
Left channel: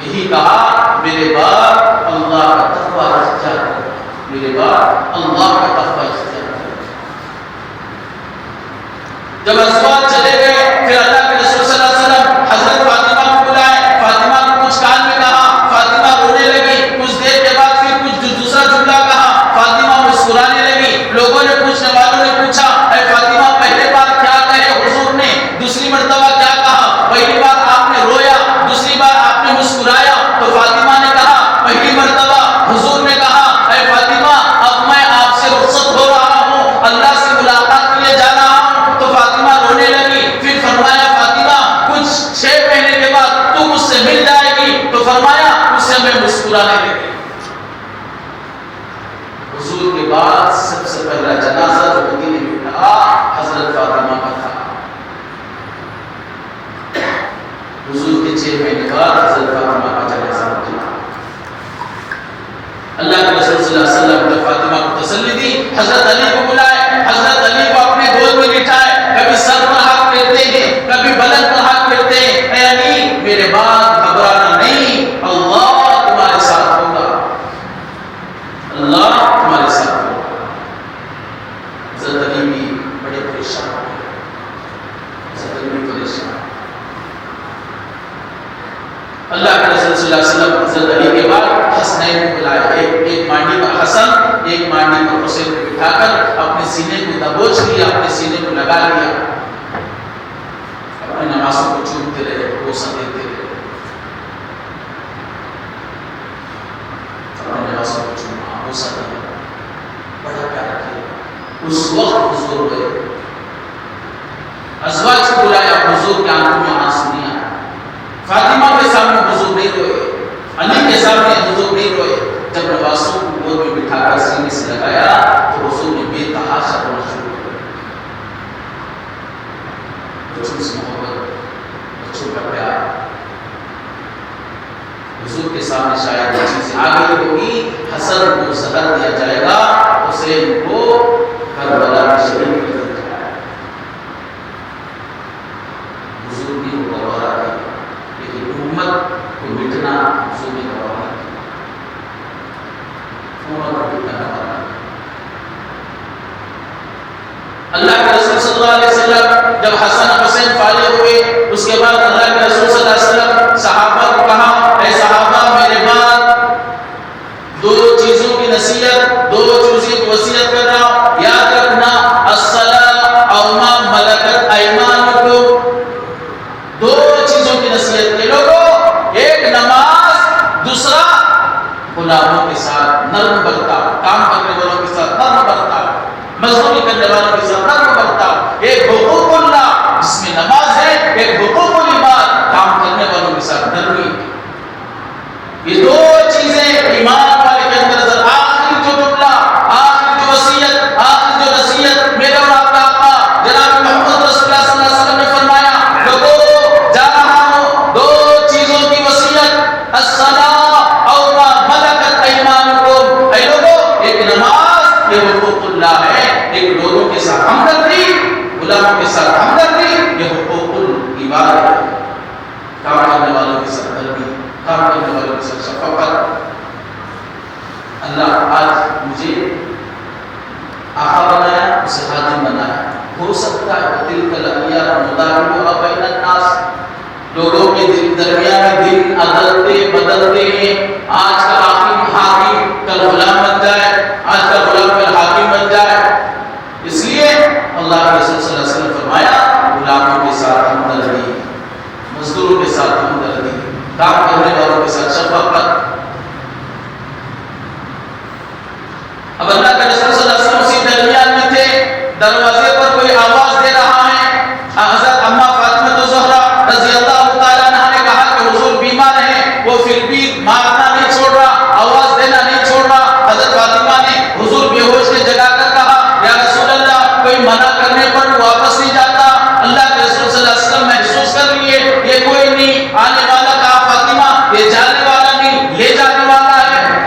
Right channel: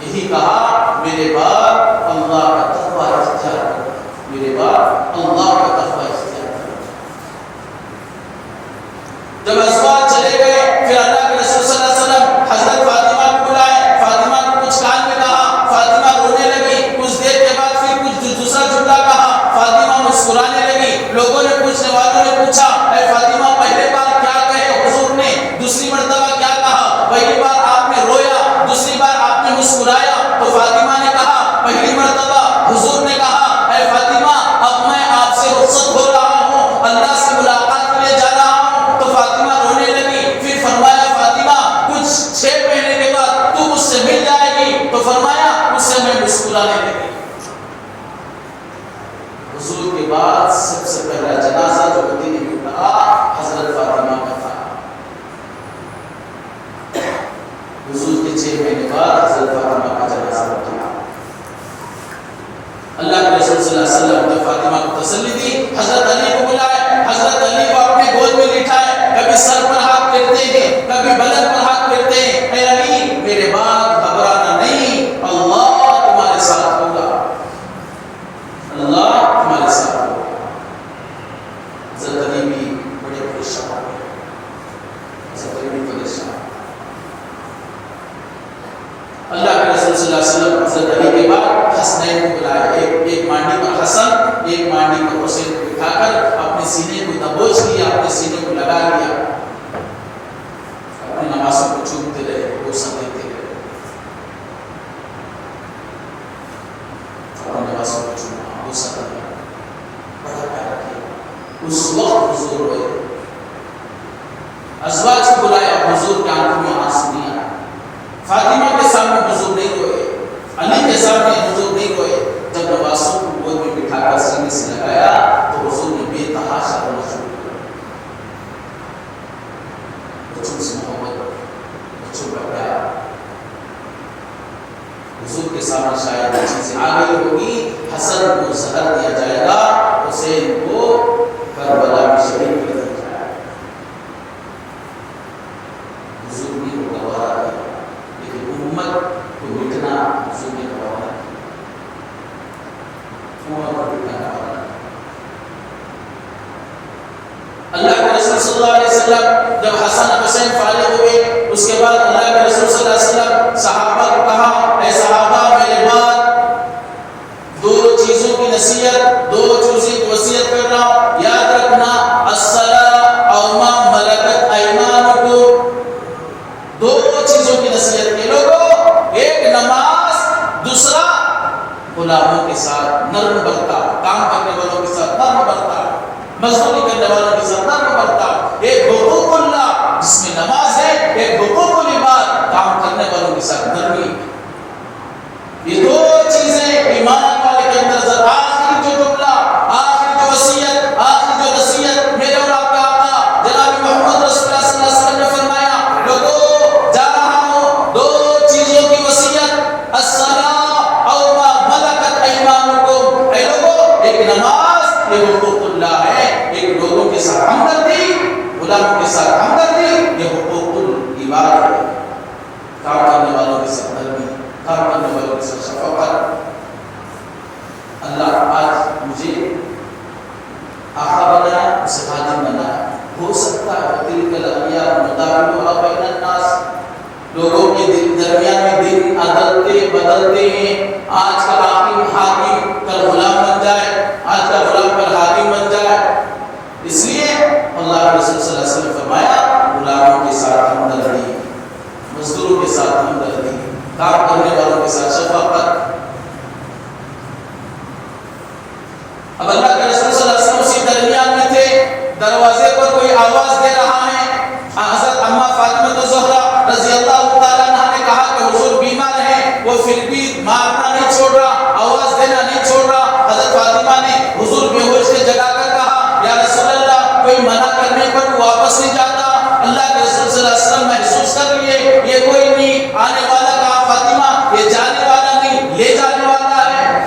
یہی کہا میرے بعد اللہ کا تقویٰ اختیار کرو, میرے بعد اللہ کا تقویٰ اختیار کرو. جب ازواج چلے گئے پھر اللہ کے رسول صلی اللہ علیہ وسلم حضرت فاطمہ کو بلائے, فاطمہ کو کچھ کان میں کہا, فاطمہ رونے لگی. کچھ دیر کے بعد پھر کچھ دوسرا جملہ کہا, فاطمہ مسکرانے لگی. لوگوں نے, پوچھنے والوں نے پوچھا اے فاطمہ پہلے بار کیا کہے حضور نے, دوسری مرتبہ کیا کہا, پہلی بار آپ نے رویا, دوسری بار آپ نے مسکرایا. تو فاطمہ نے کہا پہلی مرتبہ حضور نے کہا اے فاطمہ اب میں آپ سے رخصت ہو رہا ہوں, اللہ سے ملاقات کے لیے جا رہا ہوں. تو فاطمہ رونے لگی. پھر فرمایا فاطمہ کچھ 6 مہینے کے بعد تو مجھ سے مل جائے گی. تو فرمایا اس سے میں مسکرانے لگی. حضور کے بعد سب سے پہلا جنازہ جو مدینے میں اٹھا حضرت فاطمہ کا تھا. حضور کے 6 مہینے بعد حضرت فاطمہ کا جنازہ اٹھا. اللہ کے رسول صلی اللہ علیہ وسلم نے فاطمہ کو تسلی دی. حضرت علی کو بلائے, حضرت علی کو اپنے گود میں لٹائے. کبھی سر پر ہاتھ پھیرتے ہیں, کبھی بلند پر ہاتھ پھیرتے ہیں. اے علی میرے بعد گھبرانا نہیں, اللہ تمہارے ساتھ ہوگا, اللہ تمہارے ساتھ ہوگا. حضرت علی بھی بڑے پریشان ہوئے, حضرت علی بھی پریشان. اللہ کے رسول صلی اللہ علیہ وسلم حضرت علی کے بعد حسنین کو بلائے. ایک مانڈی پر حسن, ایک مانڈی پر حسین کو بٹھا کر اپنے سینے کو دبوچ لیا, اپنے سینے کو لگا لیا. اپنی نمازوں کو چومتے رہے, بوسہ دیتے رہے, اپنی نمازوں کو چوما, بوسہ دیا. بڑا پیارا ازواج کو بلایا، حضور کے آنکھوں میں آنسو نہیں آیا. فاطمہ کے سامنے حضور نہیں روئے، علی کے سامنے حضور نہیں روئے. جب نواسوں کو گود میں بٹھا کر سینے سے لگایا تو حضور نے بے تحاشا رونا شروع کر دیا. بچوں سے محبت، بچوں کا پیار. حضور کے سامنے شاید یہ چیزیں آ گئی ہوگی. حسن کو زہر دیا جائے گا، حسین کو کربلا میں شہید کر دیا جائے گا. حضور نے وہ گوارا کیا، لیکن امت کو مٹنا حضور نے گوارا کیا. امت کو مٹنا گوارا کیا. اللہ کے رسول صلی اللہ علیہ وسلم جب حسن حسین فارغ ہوئے، اس کے بعد اللہ کے رسول صلی اللہ علیہ وسلم صحابہ کو کہا، اے صحابہ میرے بعد دو چیزوں کی نصیحت، دو چیزوں کی وصیت کر رہا ہوں، یاد رکھنا الصلاۃ او ما ملکت ایمانکم. دو چیزوں کی نصیحت ہے لوگوں، ایک نماز، دوسرا غلاموں کے ساتھ نرم برتاؤ، کام کرنے والوں کے ساتھ نرم برتاؤ، مزدوری کرنے والوں کے ساتھ نرم برتاؤ. ایک حقوق اللہ جس میں نماز ہے، ایک حقوق العباد کام کرنے والوں کے ساتھ نرمی. یہ دو چیزیں ایمان والے کے اندر آخری جو جملہ، آخری جو وصیت، آخری جو نصیحت میرے اور آپ کا آقا جناب محمد رسول اللہ صلی اللہ علیہ وسلم نے فرمایا، لوگوں جا رہا ہوں دو چیزوں کی وصیت، الصلاۃ او ما ملکت ایمانکم. اے لوگوں، ایک نماز یہ حقوق اللہ ہے، ایک لوگوں کے ساتھ ہمدردی، غلاموں کے ساتھ ہمدردی یہ حقوق العباد ہے. کام کرنے والوں کے ساتھ نرمی، کام کرنے والوں کے ساتھ شفقت. اللہ آج مجھے آقا بنایا، اسے خادم بنایا. ہو سکتا ہے تلک الایام نداولها بین الناس، لوگوں کے درمیان میں دن عدلتے بدلتے ہیں. آج کا حاکم کل غلام بن جائے، آج کا غلام کل حاکم بن جائے. اس لیے اللہ کے رسول صلی اللہ علیہ وسلم نے فرمایا، غلاموں کے ساتھ ہمدردی، مزدوروں کے ساتھ ہمدردی، کام کرنے والوں کے ساتھ شفقت. اب اللہ کے رسول صلی اللہ علیہ وسلم اسی درمیان میں تھے، دروازے پر کوئی آواز دے رہا ہے. حضرت اما فاطمہ الزہرا رضی اللہ تعالیٰ عنہا نے کہا کہ حضور بیمار ہیں، وہ پھر بھی مارنا نہیں چھوڑ رہا، آواز دینا نہیں چھوڑ رہا. حضرت فاطمہ نے حضور بے ہوش کے جگا کر کہا، یا رسول اللہ، کوئی منع کرنے پر واپس نہیں جاتا. اللہ کے رسول صلی اللہ علیہ وسلم محسوس کر لیے یہ کوئی نہیں آنے والا، کہا فاطمہ یہ جانے والا نہیں لے جانے والا ہے.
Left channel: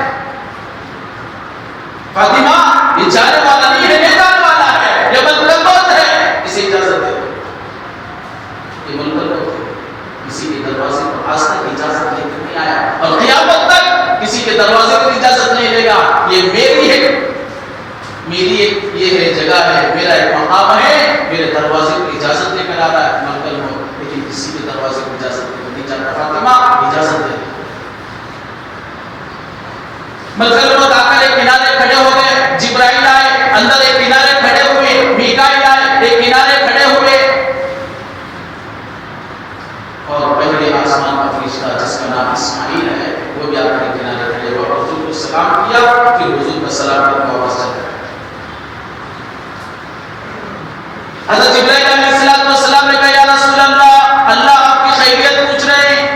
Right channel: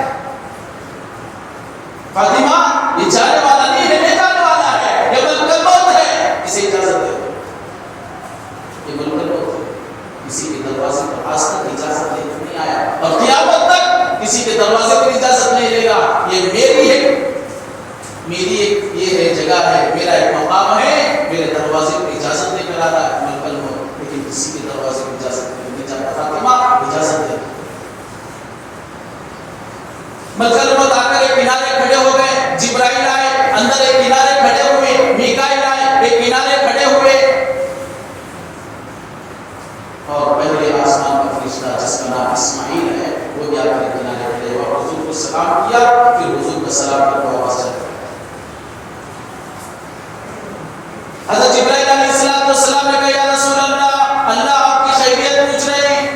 فاطمہ یہ جانے والا نہیں ہے، لے جانے والا ہے، یہ ملک الموت ہے، اسے اجازت دے. یہ ملک الموت ہے، کسی کے دروازے پر آج تک اجازت لے کر نہیں آیا اور قیامت تک کسی کے دروازے پر اجازت نہیں لے گا. یہ میری ہے، میری ایک یہ ہے جگہ ہے، میرا ایک مقام ہے، میرے دروازے پر اجازت لے کر آ رہا ہے ملک الموت، لیکن کسی کے دروازے پر اجازت لے کر نہیں جاتا. فاطمہ اجازت دے. ملک الموت آ کر ایک کنارے کھڑے ہو گئے، جبرائیل آئے، اندر ایک کنارے کھڑے ہوئے، میکائیل آئے، ایک کنارے کھڑے ہوئے، اور پہلے آسمان کا فرشتہ جس کا نام اسماعیل ہے وہ بھی آ کر ایک کنارے کھڑے ہوا، حضور کو سلام کیا، پھر حضور کا سلام کر کے واپس چل گئے. حضرت جبرائیل علیہ السلام نے کہا، یا رسول اللہ، اللہ آپ کی خیریت پوچھ رہے ہیں.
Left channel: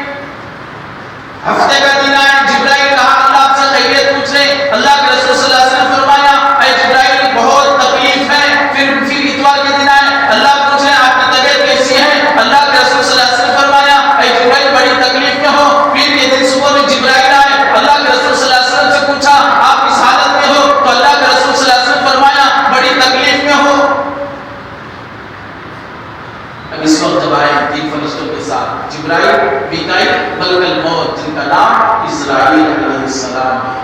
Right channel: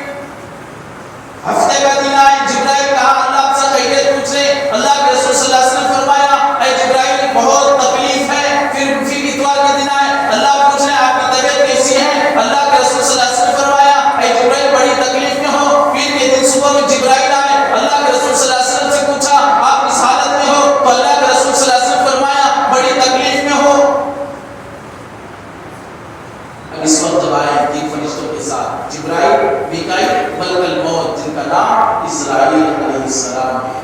ہفتے کا دن آئے، جبرائیل کہا اللہ آپ سے خیریت پوچھ رہے ہیں. اللہ کے رسول صلی اللہ علیہ وسلم فرمایا، اے جبرائیل بہت تکلیف ہے. پھر اتوار کے دن آئے، اللہ پوچھ رہے ہیں آپ کی طبیعت کیسی ہے. اللہ کے رسول صلی اللہ علیہ وسلم فرمایا، اے جبرائیل بڑی تکلیف میں ہو. پھر یہ دن صبح میں جبرائیل آئے، اللہ کے رسول صلی اللہ علیہ وسلم سے پوچھا آپ اس حالت میں ہو، تو اللہ کے رسول صلی اللہ علیہ وسلم فرمایا بڑی تکلیف میں ہو. اس وقت جب آئے تین فرشتوں کے ساتھ، جبرائیل، میکائیل، ملک الموت جن کا نام اسرائیل علیہ السلام ہے.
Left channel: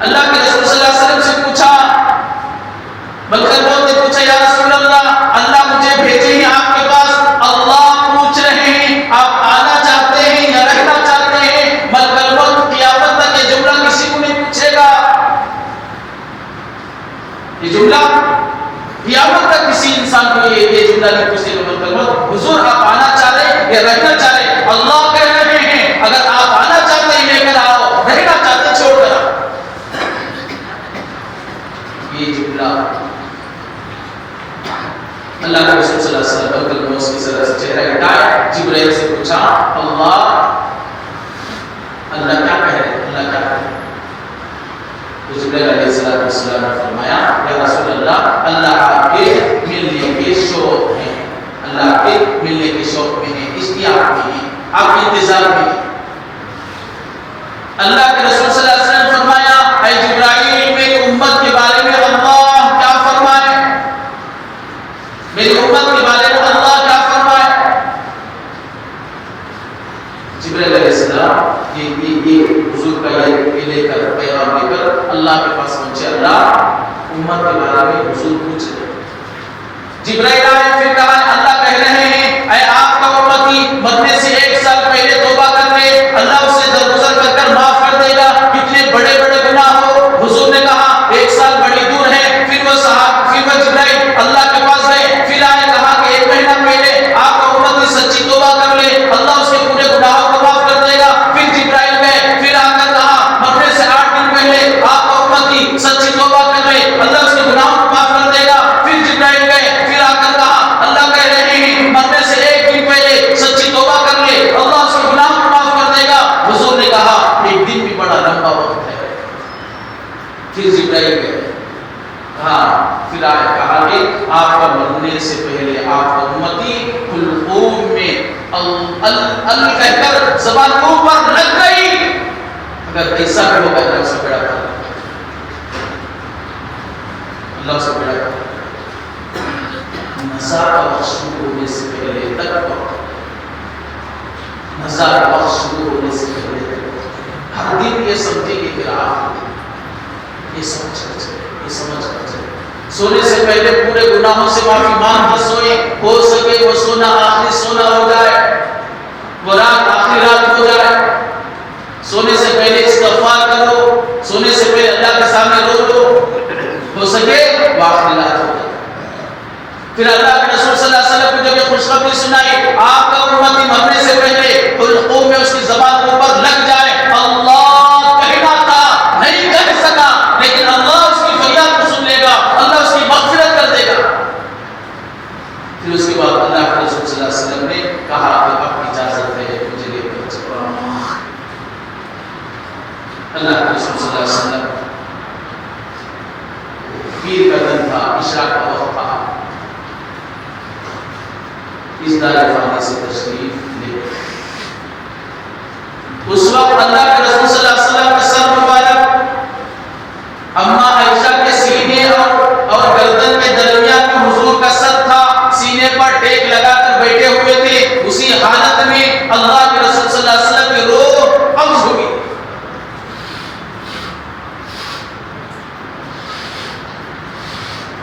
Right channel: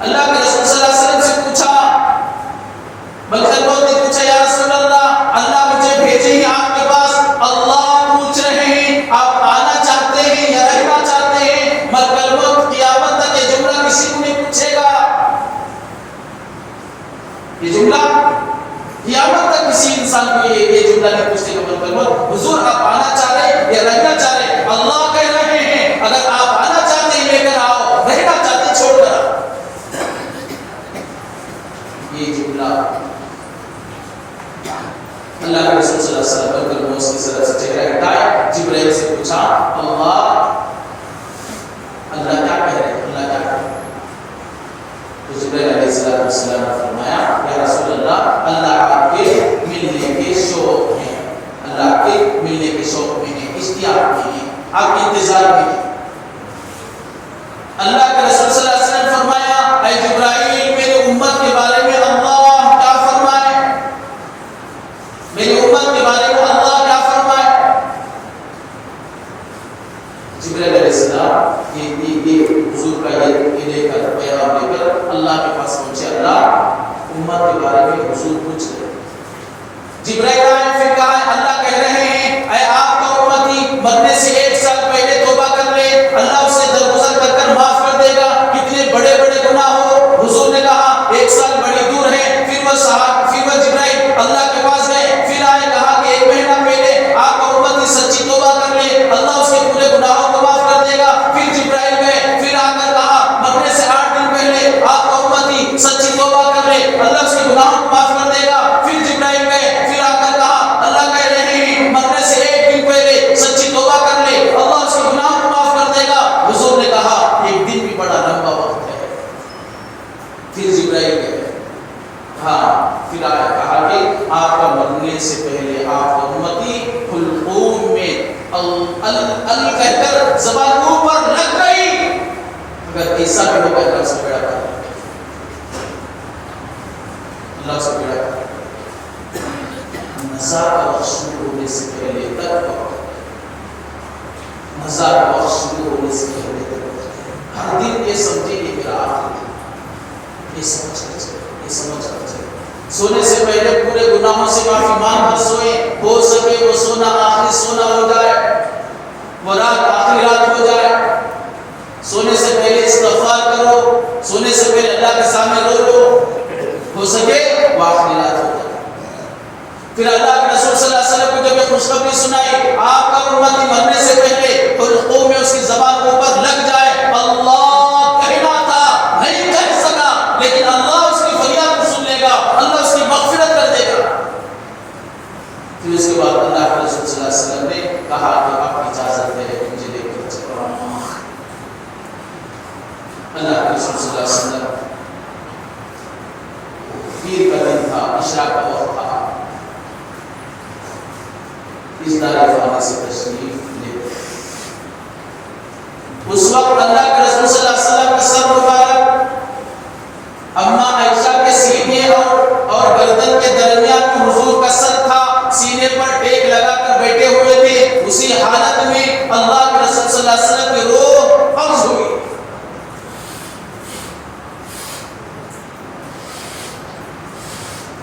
اللہ کے رسول صلی اللہ علیہ وسلم سے پوچھا، ملک الموت نے پوچھا، یا رسول اللہ، اللہ مجھے بھیجے ہیں آپ کے پاس، اللہ پوچھ رہے ہیں آپ آنا چاہتے ہیں یا رہنا چاہتے ہیں. ملک الموت قیامت تک یہ جملہ کسی کو نہیں پوچھے گا. یہ جملہ قیامت تک کسی انسان کو یہ جملہ نہیں پوچھے گا. ملک الموت، حضور آپ آنا چاہ رہے ہیں یا رہنا چاہ رہے ہیں؟ اللہ کہہ رہے ہیں اگر آپ آنا چاہتے ہیں لے کر آؤ، رہنا چاہتے چھوڑ کر آؤ. یہ جملہ اللہ کے رسول صلی اللہ علیہ وسلم نے اس کی طرف سے چہرہ ہٹایا، جبرائیل سے پوچھا اللہ کیا کہہ رہے ہیں، اللہ کیا کہہ رہے ہیں؟ تو جبرائیل علیہ السلام نے فرمایا یا رسول اللہ آپ کے ملنے کے شوق میں ہیں، اللہ آپ کے ملنے کے شوق میں ہیں، اشتیاق میں ہیں، آپ کے انتظار میں ہیں۔ اللہ کے رسول صلی اللہ علیہ وسلم نے فرمایا اے جبرائیل میری امت کے بارے میں اللہ کیا فرمائے، میری امت کے بارے میں اللہ کیا فرمائے؟ جبرائیل علیہ السلام یہ حضور کا یہ لے کر پیغام لے کر اللہ کے پاس پہنچے، اللہ امت کے بارے میں حضور پوچھ رہے ہیں۔ جبرائیل آئے پھر کہا اللہ کہہ رہے ہیں اے آپ کا امتی مرنے سے 1 سال پہلے توبہ کر لے، اللہ اسے درگزر کر معاف کر دے گا، کتنے بڑے بڑے گناہ ہو۔ حضور نے کہا 1 سال بڑی دور ہے، پھر وہ جبرائیل اللہ کے پاس گئے، پھر آئے کہا کہ 1 مہینہ پہلے آپ کا امتی سچی توبہ کر لے، اللہ اس کے پورے گناہوں کو معاف کر دے گا۔ پھر جبرائیل گئے، پھر آ کر کہا مرنے سے 8 دن پہلے آپ کا امتی سچی توبہ کر لے، اللہ اس کے گناہوں کو معاف کر دے گا۔ پھر جبرائیل گئے، پھر آ کر کہا اللہ کہہ رہے ہیں مرنے سے 1 دن پہلے سچی توبہ کر لے، اللہ اس کے گناہوں کو معاف کر دے گا۔ حضور نے کہا 1 دن بھی بڑا لمبا وقت ہے۔ پھر جبرائیل گئے، پھر آیا کہا کہ آپ کا مرنے سے پہلے آپ کا امتی حلقوم میں ال کہہ کر زبان اوپر لگ گئی، اگر ایسا بھی ہوگا اللہ سے بڑا کر، اللہ سے بڑا کر نزا کا وقت شروع ہونے سے پہلے تک، نزا کا وقت شروع ہونے سے پہلے تک ہر دن یہ سمجھے کہ میرا یہ سمجھ کر چلے، یہ سمجھ کر چلے، سونے سے پہلے پورے گناہوں سے معافی مانگ کر سوئے، ہو سکے وہ سونا آخری سونا ہو جائے، وہ رات آخری رات ہو جائے، سونے سے پہلے استغفار کرو، سونے سے پہلے اللہ کے سامنے رو لو، ہو سکے وہ آخری رات ہو جائے۔ پھر اللہ کے رسول صلی اللہ علیہ وسلم کو جب یہ خوشخبری سنائی آپ کا امتی مرنے سے پہلے حلقوں میں اس کی زبان اوپر لگ جائے، اللہ کہنا تھا نہیں کہہ سکا، لیکن اللہ اس کی فریاد کو سن لے گا، اللہ اس کی مغفرت کر دے گا۔ پھر اس کے بعد اللہ کے رسول صلی اللہ علیہ وسلم نے کہا کہ اب اجازت ہے مجھے لے کر چلو۔ اللہ کے رسول صلی اللہ علیہ وسلم پیر کا دن تھا، عشاء کا وقت تھا، اس دار فانی سے تشریف لے۔ اس وقت اللہ کے رسول صلی اللہ علیہ وسلم کا سر مبارک اما عائشہ کے سینے اور گردن کے درمیان میں حضور کا سر تھا، سینے پر ٹیک لگا کر بیٹھے ہوئے تھے۔ اسی حالت میں اللہ کے رسول صلی اللہ علیہ وسلم کی روح قبض ہوئی۔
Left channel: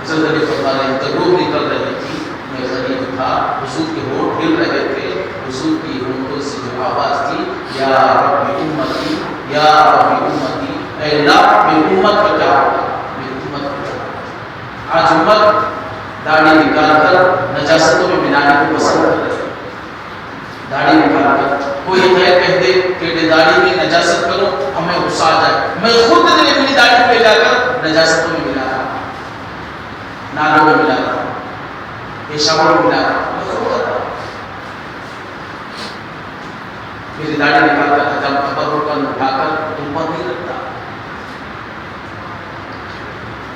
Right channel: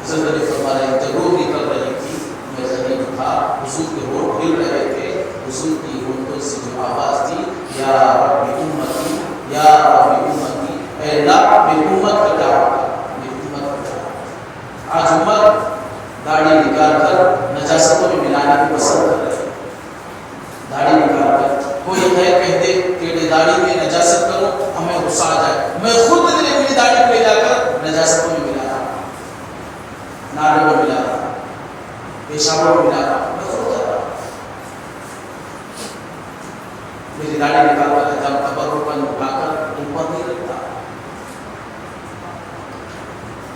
حضرت علی فرما رہے ہیں جب روح نکل رہی تھی میں غریب تھا، حضور کے ہونٹ ہل رہے تھے، حضور کی ہونٹوں سے جو آواز تھی یا رب امتی یا رب امتی، اے اللہ میری امت کا کیا ہوگا، میری امت کا کیا ہوگا۔ آج امت داڑھی نکال کر نجاستوں میں ملانے کو پسند کر رہی ہے، داڑھی نکال کر کوئی غیر کہہ دے کہ داڑھی میں نجاست کرو ہمیں غصہ آ جائے، میں خود اپنی داڑھی کو لے جا کر نجاستوں میں ملا رہا ہوں، نالوں میں ملا رہا ہوں، پیشابوں میں ملا رہا ہوں، میں خود کر رہا ہوں، میری داڑھی نکال کر جب قبر پر اٹھا کر امت نہیں رکھتا۔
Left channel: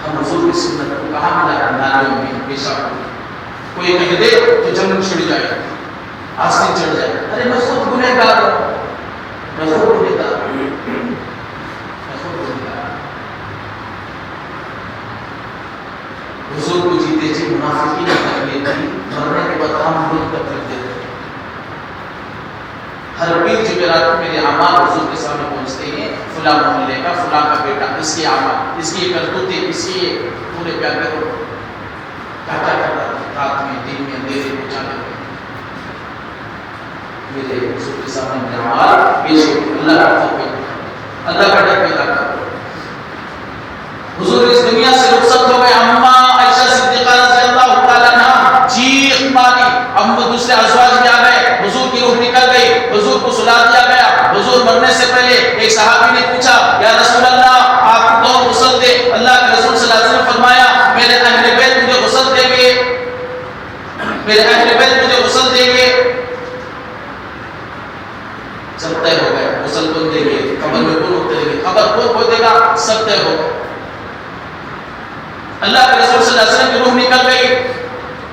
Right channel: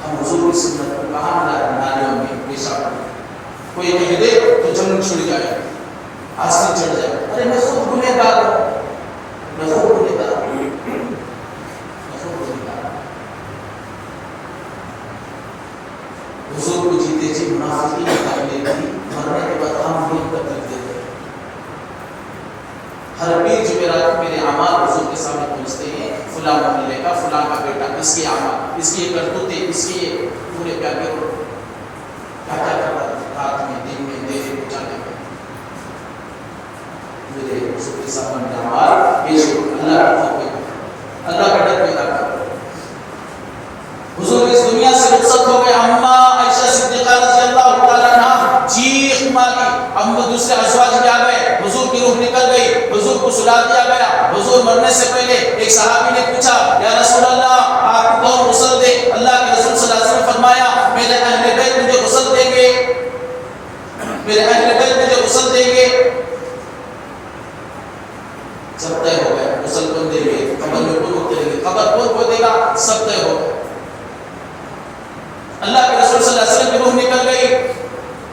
ہم حضور کی سنت کو کہاں ملا ہے، نالوں میں، پیشابوں میں۔ کوئی کہہ دے تو جنگ چھڑ جائے، آسمان چڑھ جائے، ارے میں خود گنہگار ہوں، میں خود گنہگار ہوں، میں خود گنہگار ہوں۔ حضور کو جیتے جی منافقین کی تکلیف تھی، مرنے کے بعد ہم لوگ تک رکھ دیتے ہیں۔ ہر پیر جمعرات میرے اعمال حضور کے سامنے پہنچتے ہیں، فلاں محلے کا فلاں کا بیٹا، اس کے اعمال، اس کی کرتوتیں، اس کی پورے کیا کرو کیا کیا کرتا ہے، رات میں دن میں اندھیرے کو جانے میں میرے حضور کے سامنے میرے اعمال پیش ہو، اللہ کا خوف پیدا کرو، اللہ کا ڈر پیدا کرو۔ حضور اس دنیا سے رخصت ہو گئے، اما عائشہ صدیقہ رضی اللہ تعالیٰ عنہ چیخ ماری، اما دوسرے ازواج بھی آ گئے، حضور کی روح نکل گئی، حضور کو سلا دیا گیا۔ حضور مرنے سے پہلے ایک صحابی نے پوچھا یا رسول اللہ آپ کو کون غسل دے؟ اللہ کے رسول صلی اللہ علیہ وسلم فرمایا میرے اہل بیت مجھے غسل دیں گے۔ اللہ کے رسول صلی اللہ علیہ وسلم کی روح نکل گئی،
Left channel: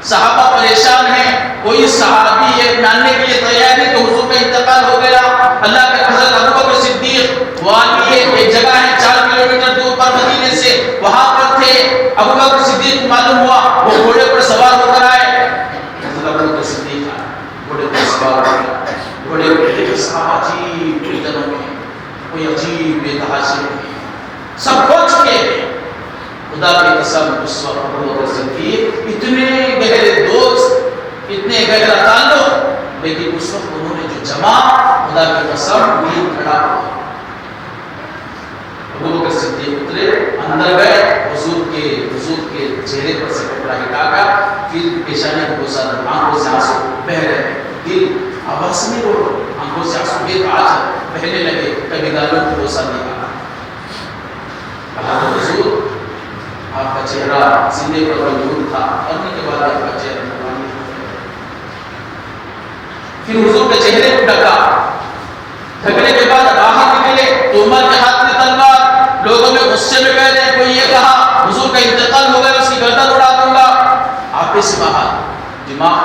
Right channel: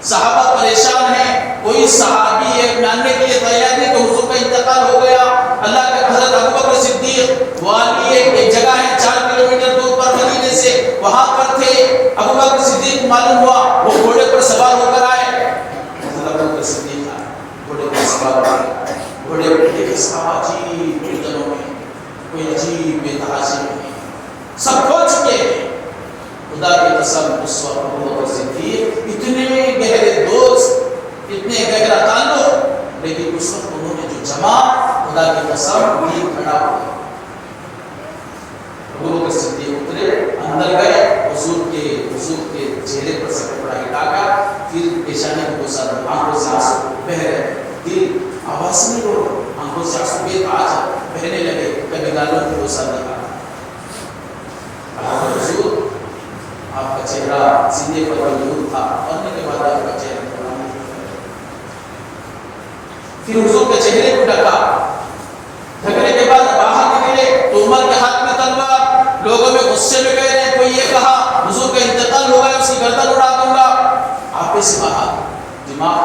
صحابہ پریشان ہیں، کوئی صحابی یہ ماننے کے لیے تیار نہیں کہ حضور کا انتقال ہو گیا۔ اللہ کے حضرت ابو بکر صدیق والی ایک جگہ ہے 4 کلومیٹر دور پر مدینے سے، وہاں پر تھے۔ ابو بکر صدیق کو معلوم ہوا، وہ گھوڑے پر سوار ہو کر آئے۔ حضرت ابو بکر صدیق گھوڑے پر سوار ہو گئے، گھوڑے پر دیکھے صحابہ عجیب فتنوں میں، کوئی عجیب بے تحاشی میں، سب کھو چکے ہیں۔ خدا کی قسم اس وقت ابو بکر صدیق اتنے گہرے دوست، اتنے گہرا تعلق، لیکن اس وقت انہوں نے جو جمع، خدا کی قسم دل کھڑا ہوا۔ ابو بکر صدیق اترے، اندر گئے، حضور کے چہرے پر سے کپڑا ہٹا کر پھر پیشانی کو بوسا، آنکھوں سے آنسو بہہ رہے، دل آواز نہیں ہو رہا، آنکھوں سے آنسو بے تاج بہنے لگے، کبھی گالوں کی بوسا نہیں کہا، حضور آپ کا چہرہ سینے پر موجود تھا، مرنے کے بعد آپ کا چہرہ نورانی ہو گیا۔ پھر حضور کے چہرے کو ڈھکا، ڈھکنے کے بعد باہر نکلے تو عمر کے ہاتھ میں تلوار، لوگوں میں غصے میں کہہ رہے ہیں، کوئی یہ کہا حضور کا انتقال ہو گیا، اس کی گردن اڑا دوں گا۔ آپ سے باہر دماغ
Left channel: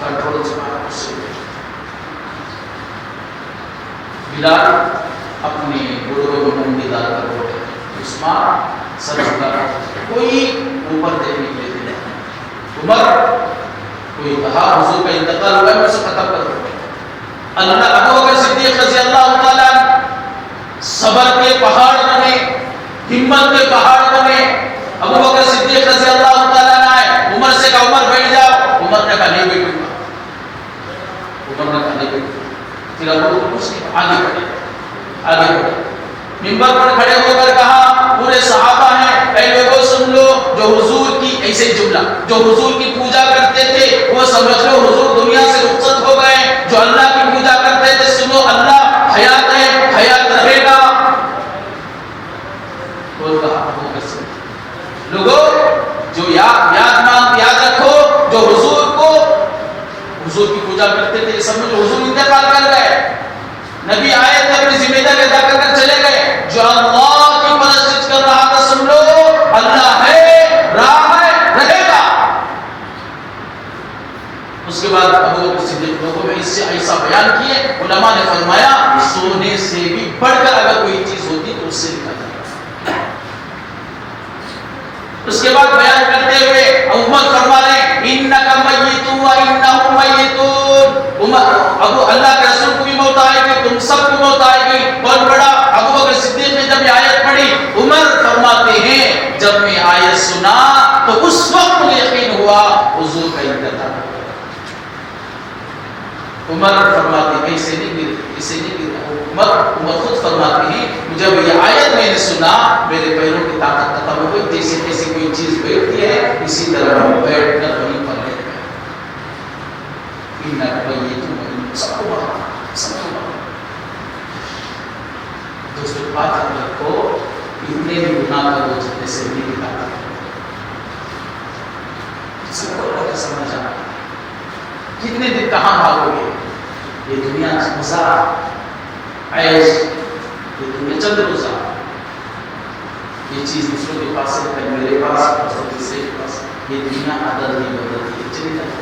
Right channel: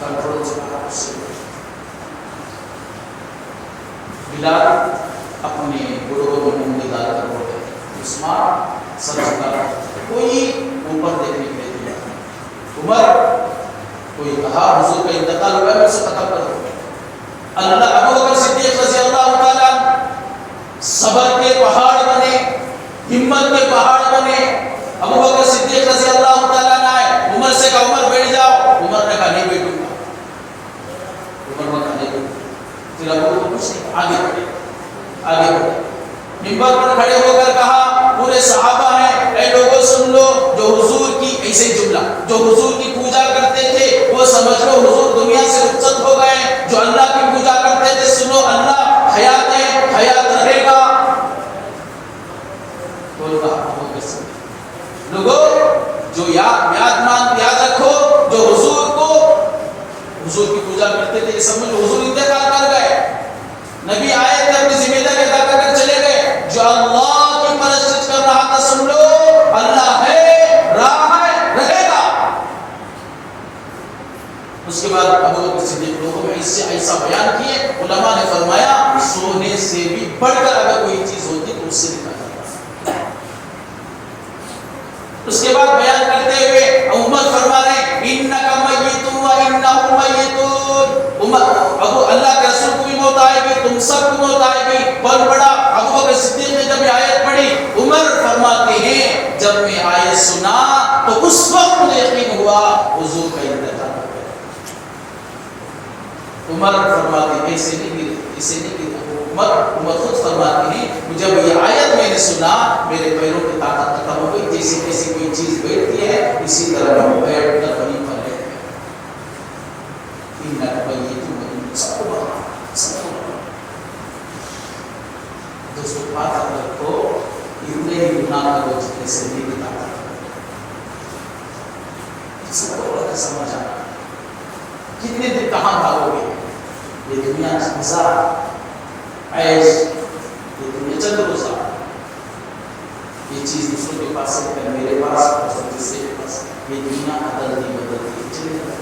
کنٹرول سے باہر غصے میں بلال اپنے گھوڑوں میں منڈی ڈال کر رو رہے، عثمان سر جھکا، کوئی اوپر دیکھنے کے لیے نہیں۔ عمر کوئی کہا حضور کا انتقال ہوا ہے، میں اسے ختم کر دوں۔ اللہ ابو بکر صدیق رضی اللہ تعالیٰ صبر کے پہاڑ بنے، ہمت کے پہاڑ بنے۔ ابو بکر صدیق رضی اللہ تعالیٰ آئے، عمر سے کہا عمر بیٹھ جاؤ، عمر نے کہا نہیں بیٹھوں گا، عمر نے کہا نہیں بیٹھوں گا۔ پھر ابو بکر کچھ نہیں، آگے بڑھے، منبر پر کھڑے ہو کر کہا پورے صحابہ ہیں، اے لوگوں سن لو، جو حضور کی ایسے ہی جملہ، جو حضور کی پوجا کرتے تھے وہ سمجھ لو حضور دنیا سے رخصت ہو گئے، جو اللہ کی پوجا کرتے تھے سنو اللہ حیات ہے، حیات رہے گا۔ بول کہا لوگوں جو یاد رکھو، جو حضور کی پوجا کرتے تھے، سمجھو حضور انتقال کر گئے، نبی آئے تھے اپنی ذمہ داری ادا کر کر چلے گئے، جو اللہ کی پرستش کر رہا تھا سن لو اللہ ہے، رہا ہے، رہے گا۔ اس کے بعد ابو بکر صدیق لوگوں میں اس سے ایسا بیان کیے، علماء نے فرمایا سونے سے بھی بڑھ کر اگر کوئی چیز ہوتی تو اس سے نکال دیا۔ اس کے بعد بیان کرتے ہوئے عمر فرما رہے انک میت و انہم میتون، ابو اللہ کے رسول کو بھی موت آئے گی، تم سب کو موت آئے گی۔ کون پڑھا؟ ابو بکر صدیق نے جب یہ آیت پڑھی، عمر فرماتے ہیں جب میں آیت سنا تو اس وقت مجھے یقین ہوا حضور کا انتقال۔ عمر فرماتے ہیں ایسے نہیں عمر خود فرماتے ہیں جب یہ آیت میں نے سنا میرے پیروں کی طاقت ختم ہو گئی، جیسے جیسے کوئی چیز بیٹھتی ہے اسی طرح ہم بیٹھ کر وہیں پر رہ گئے۔ سب کو دوستوں بات رکھو، اتنے بھی گناہ کرو جتنے سے نہیں کی طاقت، سب کو اللہ کا سمجھ آنا۔ کتنے دن کہاں بھاگو گے؟ یہ دنیا مزہ عیش، یہ دنیا چند روزہ، یہ چیز دوسروں کے پاس ہے، میرے پاس اور کسی کے پاس، یہ دنیا بدلتی بدلتی چلی جاتی۔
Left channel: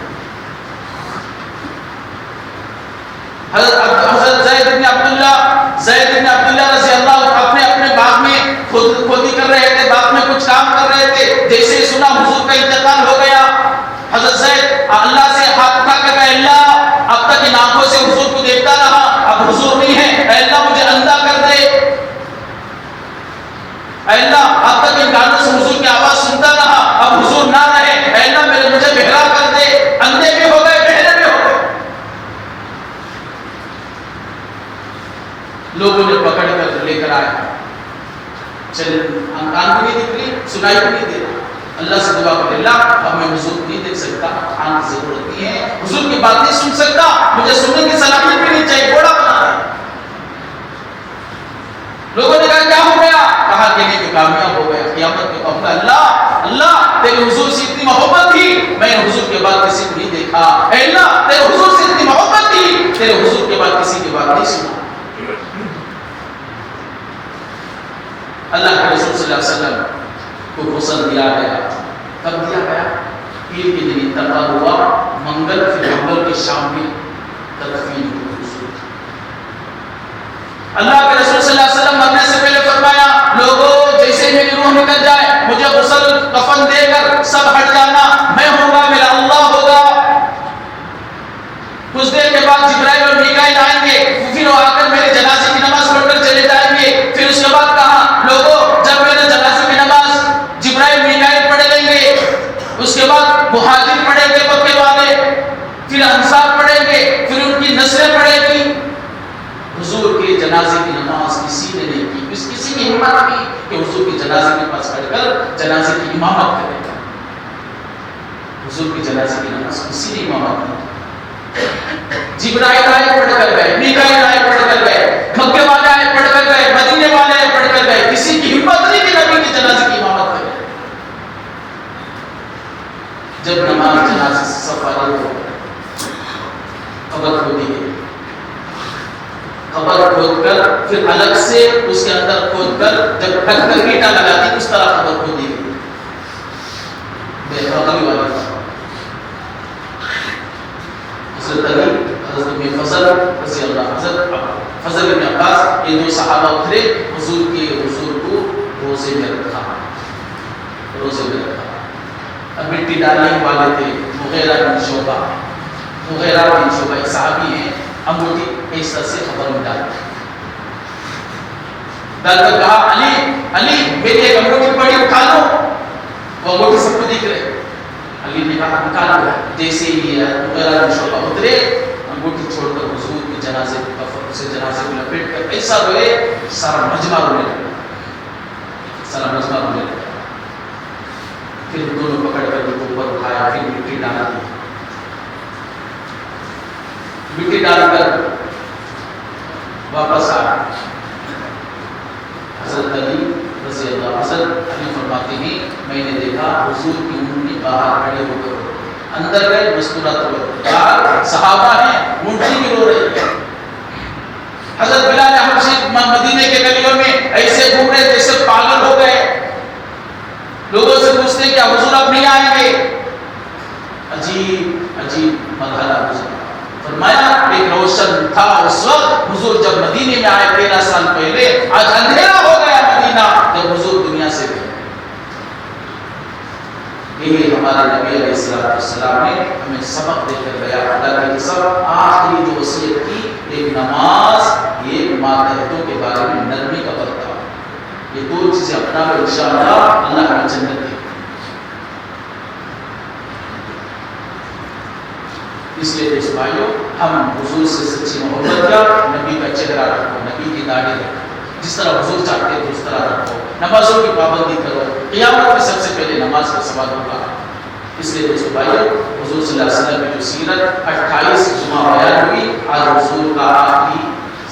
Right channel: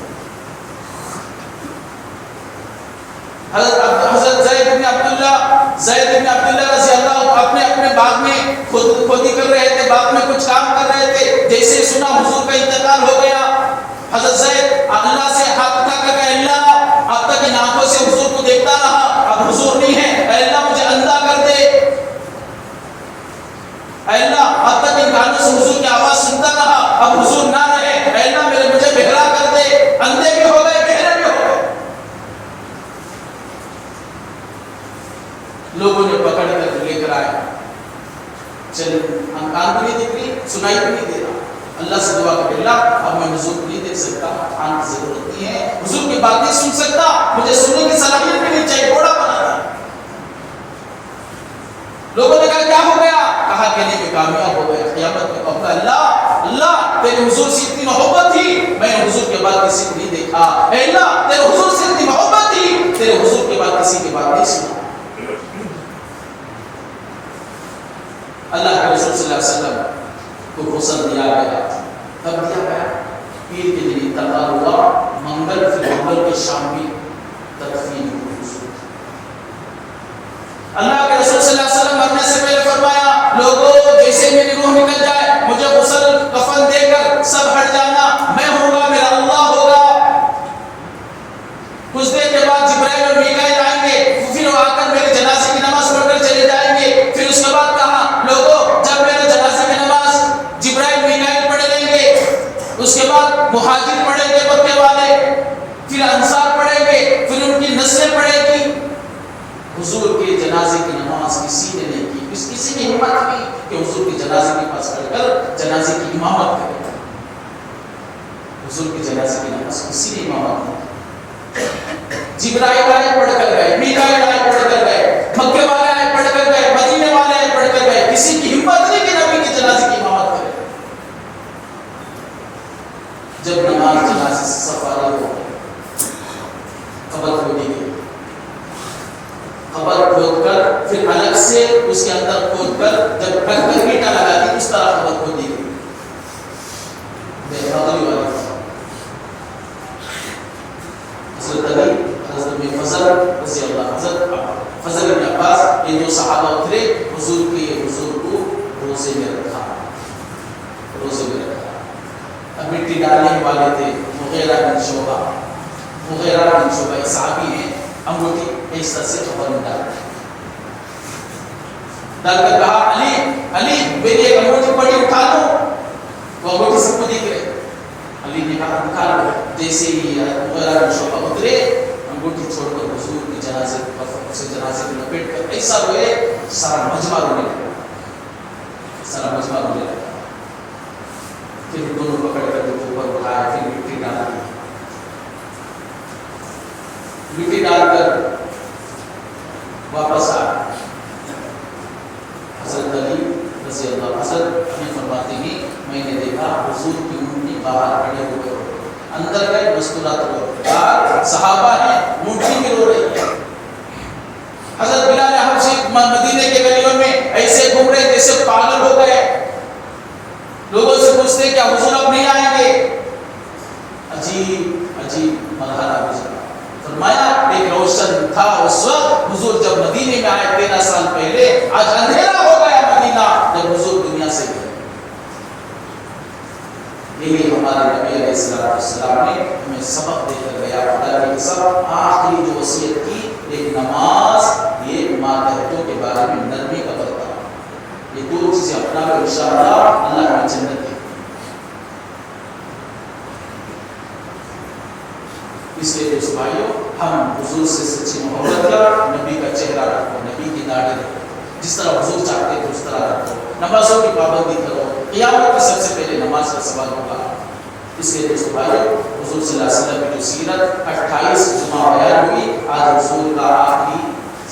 حضرت زید بن عبداللہ رضی اللہ اپنے باغ میں کھودی کر رہے تھے، باغ میں کچھ کام کر رہے تھے، جیسے ہی سنا حضور کا انتقال ہو گیا، حضرت زید اللہ سے ہاتھ اٹھا کر کہا اللہ اب تک ان آنکھوں سے حضور کو دیکھتا رہا، اب حضور نہیں ہے، اے اللہ مجھے اندھا کر دے، اے اللہ اب تک ان کانوں سے حضور کی آواز سنتا رہا، اب حضور نہ رہے، اے اللہ مجھے بہرا کر دے۔ اندھے بھی ہو گئے، بہرے بھی ہو گئے، لوگوں نے پکڑ کر لے کر آیا، چلے کان بھی نہیں دکھ رہی، سنائی بھی نہیں دے رہا، اللہ سے دعا کر اللہ اب میں حضور کو نہیں دیکھ سکتا، آنکھ کی ضرورت نہیں ہے، حضور کی بات نہیں سن سکتا، مجھے سننے کی صلاحیت بھی نہیں چاہیے، بڑا بنا دے۔ لوگوں نے کہا کیا ہو گیا؟ کہا کہ نہیں کامیاب ہو گیا، قیامت میں کہوں گا اللہ تیرے حضور سے اتنی محبت تھی، میں نے حضور کے بعد کسی کو نہیں دیکھا، اے اللہ تیرے حضور سے اتنی محبت تھی، تیرے حضور کے بعد کسی کی بات نہیں سنا۔ اللہ کے رسول صلی اللہ علیہ وسلم کو غسل دیا گیا، عید کے دن انتقال ہوا، منگل پھر منگل کی شام میں تدفین ہوئی حضور کی۔ اللہ کے رسول صلی اللہ علیہ وسلم مرنے سے پہلے فرمایا لوگوں جیسے میری روح نکل جائے مجھے غسل کفن دے کر سب ہٹ جانا، میں ہوں گا میرا اللہ ہوگا۔ کچھ دیر کے بعد جبرائیل اور میکائیل آئیں گے، پھر وہ آ کر میری جنازے کی نماز پڑھ کر چلے جائیں گے۔ پھر اس کے بعد کہا لوگوں جب میرے جنازے کی نماز جبرائیل میکائیل پڑھ لیں گے، اس کے بعد مہاجر پڑھیں گے مکے والے، پھر انصار پڑھیں گے، پھر ان کی نسلیں پڑھیں گی۔ حضور کے جنازے کی نماز کسی نے نہیں کی، کسی کی ہمت نہیں کہ حضور کی جنازے کے پاس کھڑ کر جنازے کی امامت کرے۔ حضور کی جنازے کی نماز کسی نے امامت نہیں کی۔ جبرائیل آئے پڑھ کر گئے، میکائیل آئے پڑھ کر گئے، مکے والے آئے پڑھ کر گئے، مدینے والے آئے پڑھ کر گئے، کسی کی ہمت نہیں کہ نبی کی جنازے کی امامت کرے۔ جب نماز جنازے سے سب فارغ ہو قبر کھودی گئی، قبر کھود کر پھر الگ سے اس کے اندر کھود کر جب ڈھک کر اینٹا لگا دی اس طرح قبر کھودی گئی۔ بے والی حضرت علی، حضرت ابن فضل رضی اللہ، حضرت فضل بن عباس، یہ دو صحابہ اترے، حضور کو روزے میں رکھا، روزے میں رکھا۔ اب مٹی ڈالنے والے تھے مغیرہ بن شعبہ، مغیرہ بن شعبہ ایک صحابی ہیں، انگوٹھی اس طرح سے قبر میں ڈال کر کہا علی میری ایک انگوٹھی پڑی اٹھا لو، وہ انگوٹھی سب کو دکھ رہے۔ علی نے کہا نکال لو۔ جیسے ہی مغیرہ بن شعبہ اترے، انگوٹھی چھوڑ کر حضور کی جنازے سے جنازے کو لپیٹ کر ایسا روئے سارا مجمع رونے لگا، سارا مجمع رونے لگا۔ پھر دونوں پکڑ کر ان کو اوپر اٹھایا، پھر مٹی ڈال دی، مٹی ڈال کر واپس آ حضرت علی رضی اللہ، حضرت علی فرماتے ہیں میں نے دیکھا حضور کی اونٹنی باہر کھڑے ہو کر اندر گئے مستورات ہوئے، باہر صحابہ ہیں اونٹنی بھی رو رہی ہے۔ حضرت بلال حبشی مدینے کے گلیوں میں ایسے گھوم رہے جیسے پاگل ہو گئے، لوگوں سے پوچھتے کیا حضور اب نہیں آئیں گے؟ عجیب عجیب مرحلہ گزرا۔ فرمایا ایک روشن تھا اس وقت حضور جب مدینے میں آئے 13 سال پہلے، آج اندھیرا ہو گیا مدینہ جب حضور دنیا سے گئے۔ یہی ہمارا نبی علیہ السلام نے ہمیں سبق دے کر گیا، خدا کی قسم آخری جو وصیت کی ایک نماز، یہ ماتحتوں کے بارے میں نرمی کا برتاؤ، یہ دو چیزیں اپنا لو انشاءاللہ اللہ ہمیں جنت دے۔ اس لیے دوست بھائیو ہم حضور سے سچی محبت کیا، نبی کا چہرہ رکھو، نبی کی داڑھی رکھو، جس طرح حضور چاہتے ہیں اس طرح رکھو، نمازوں کی پابندی کرو، قیامت میں سب سے پہلے نماز کا سوال ہوگا۔ اس لیے دوست بھائیو حضور صلی اللہ علیہ وسلم کی جو سیرت 28 جمعہ بیان ہوئی، آج حضور کا آخری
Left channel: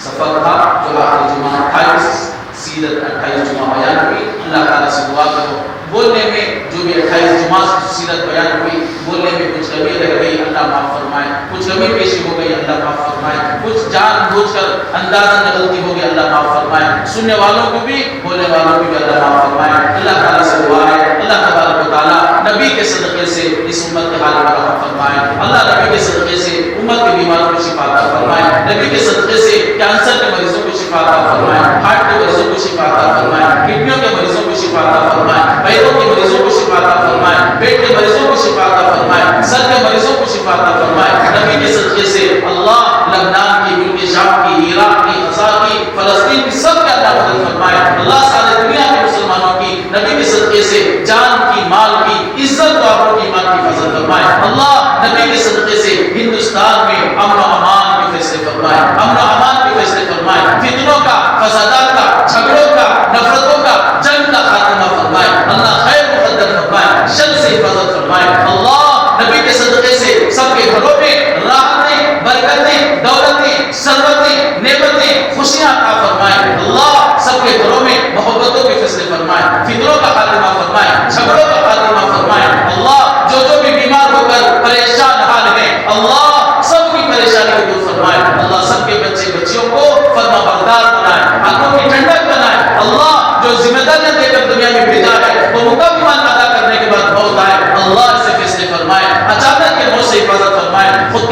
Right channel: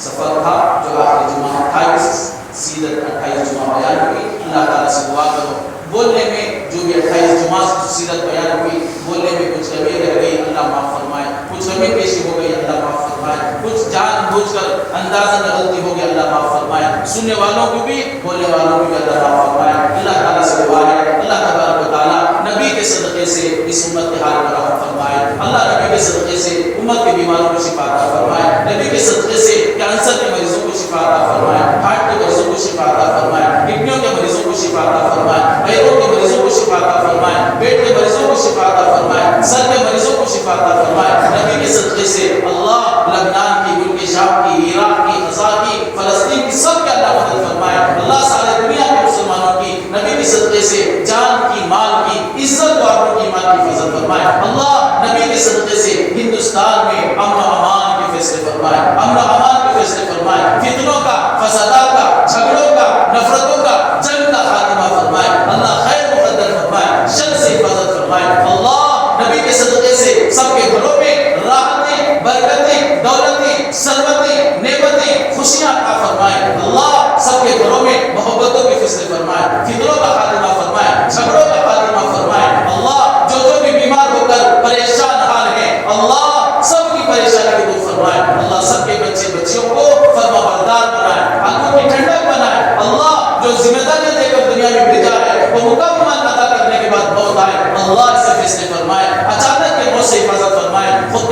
سفر تھا جو آخری جمعہ 28 سیرت 28 جمعہ بیان ہوئی۔ اللہ تعالیٰ سے دعا کرو بولنے میں جو بھی 28 جمعہ سیرت بیان ہوئی بولنے میں کچھ کمی رہ گئی اللہ معاف فرمائے، کچھ کمی پیشی ہو گئی اللہ معاف فرمائے، کچھ جان بوجھ کر اندازہ غلطی ہو گئی اللہ معاف فرمائے، سننے والوں کو بھی بولنے والوں کو بھی اللہ معاف فرمائے۔ اللہ تعالیٰ سے دعا ہے اللہ تبارک و تعالیٰ نبی کے صدقے سے اس امت کے حال پر رحم فرمائے، اللہ نبی کے صدقے سے امت کے بیماروں کو شفا عطا فرمائے، نبی کے صدقے سے کینسر کے مریضوں کو شفا عطا فرمائے، ہارٹ کے مریضوں کو شفا عطا فرمائے، کڈنیوں کے مریضوں کو شفا عطا فرمائے، پیروں کے مریضوں کو شفا عطا فرمائے، پیٹ کے مریضوں کو شفا عطا فرمائے، سر کے مریضوں کو شفا عطا فرمائے۔ نبی کے صدقے سے اللہ لبنان کی، ملک شام کی، عراق کی، غزہ کی، فلسطین کی سب کے اللہ مدد فرمائے۔ اللہ سارے دنیا کے مسلمانوں کی نبی کے صدقے سے جان کی، مال کی، عزت و آبرو کی، ایمان کی حفاظت فرمائے۔ اللہ نبی کے صدقے سے ہندوستان میں امن و امان کے فیصلے فرمائے، امن و امان کے فیصلے فرمائے، فتنوں کا، فسادات کا، جھگڑوں کا، نفرتوں کا، جنگ کا خاتمہ فرمائے۔ اللہ خیر مقدر فرمائے، شر سے حفاظت فرمائے۔ اللہ نبی کے صدقے سے سب کے گھروں میں راحتیں، برکتیں،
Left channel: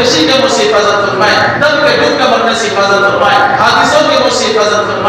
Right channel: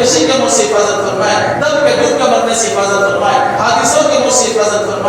خودکشی کے منہ سے حفاظت فرمائے، دم کے ڈوب کے مرنے سے حفاظت فرمائے، حادثوں کے منہ سے حفاظت فرمائے۔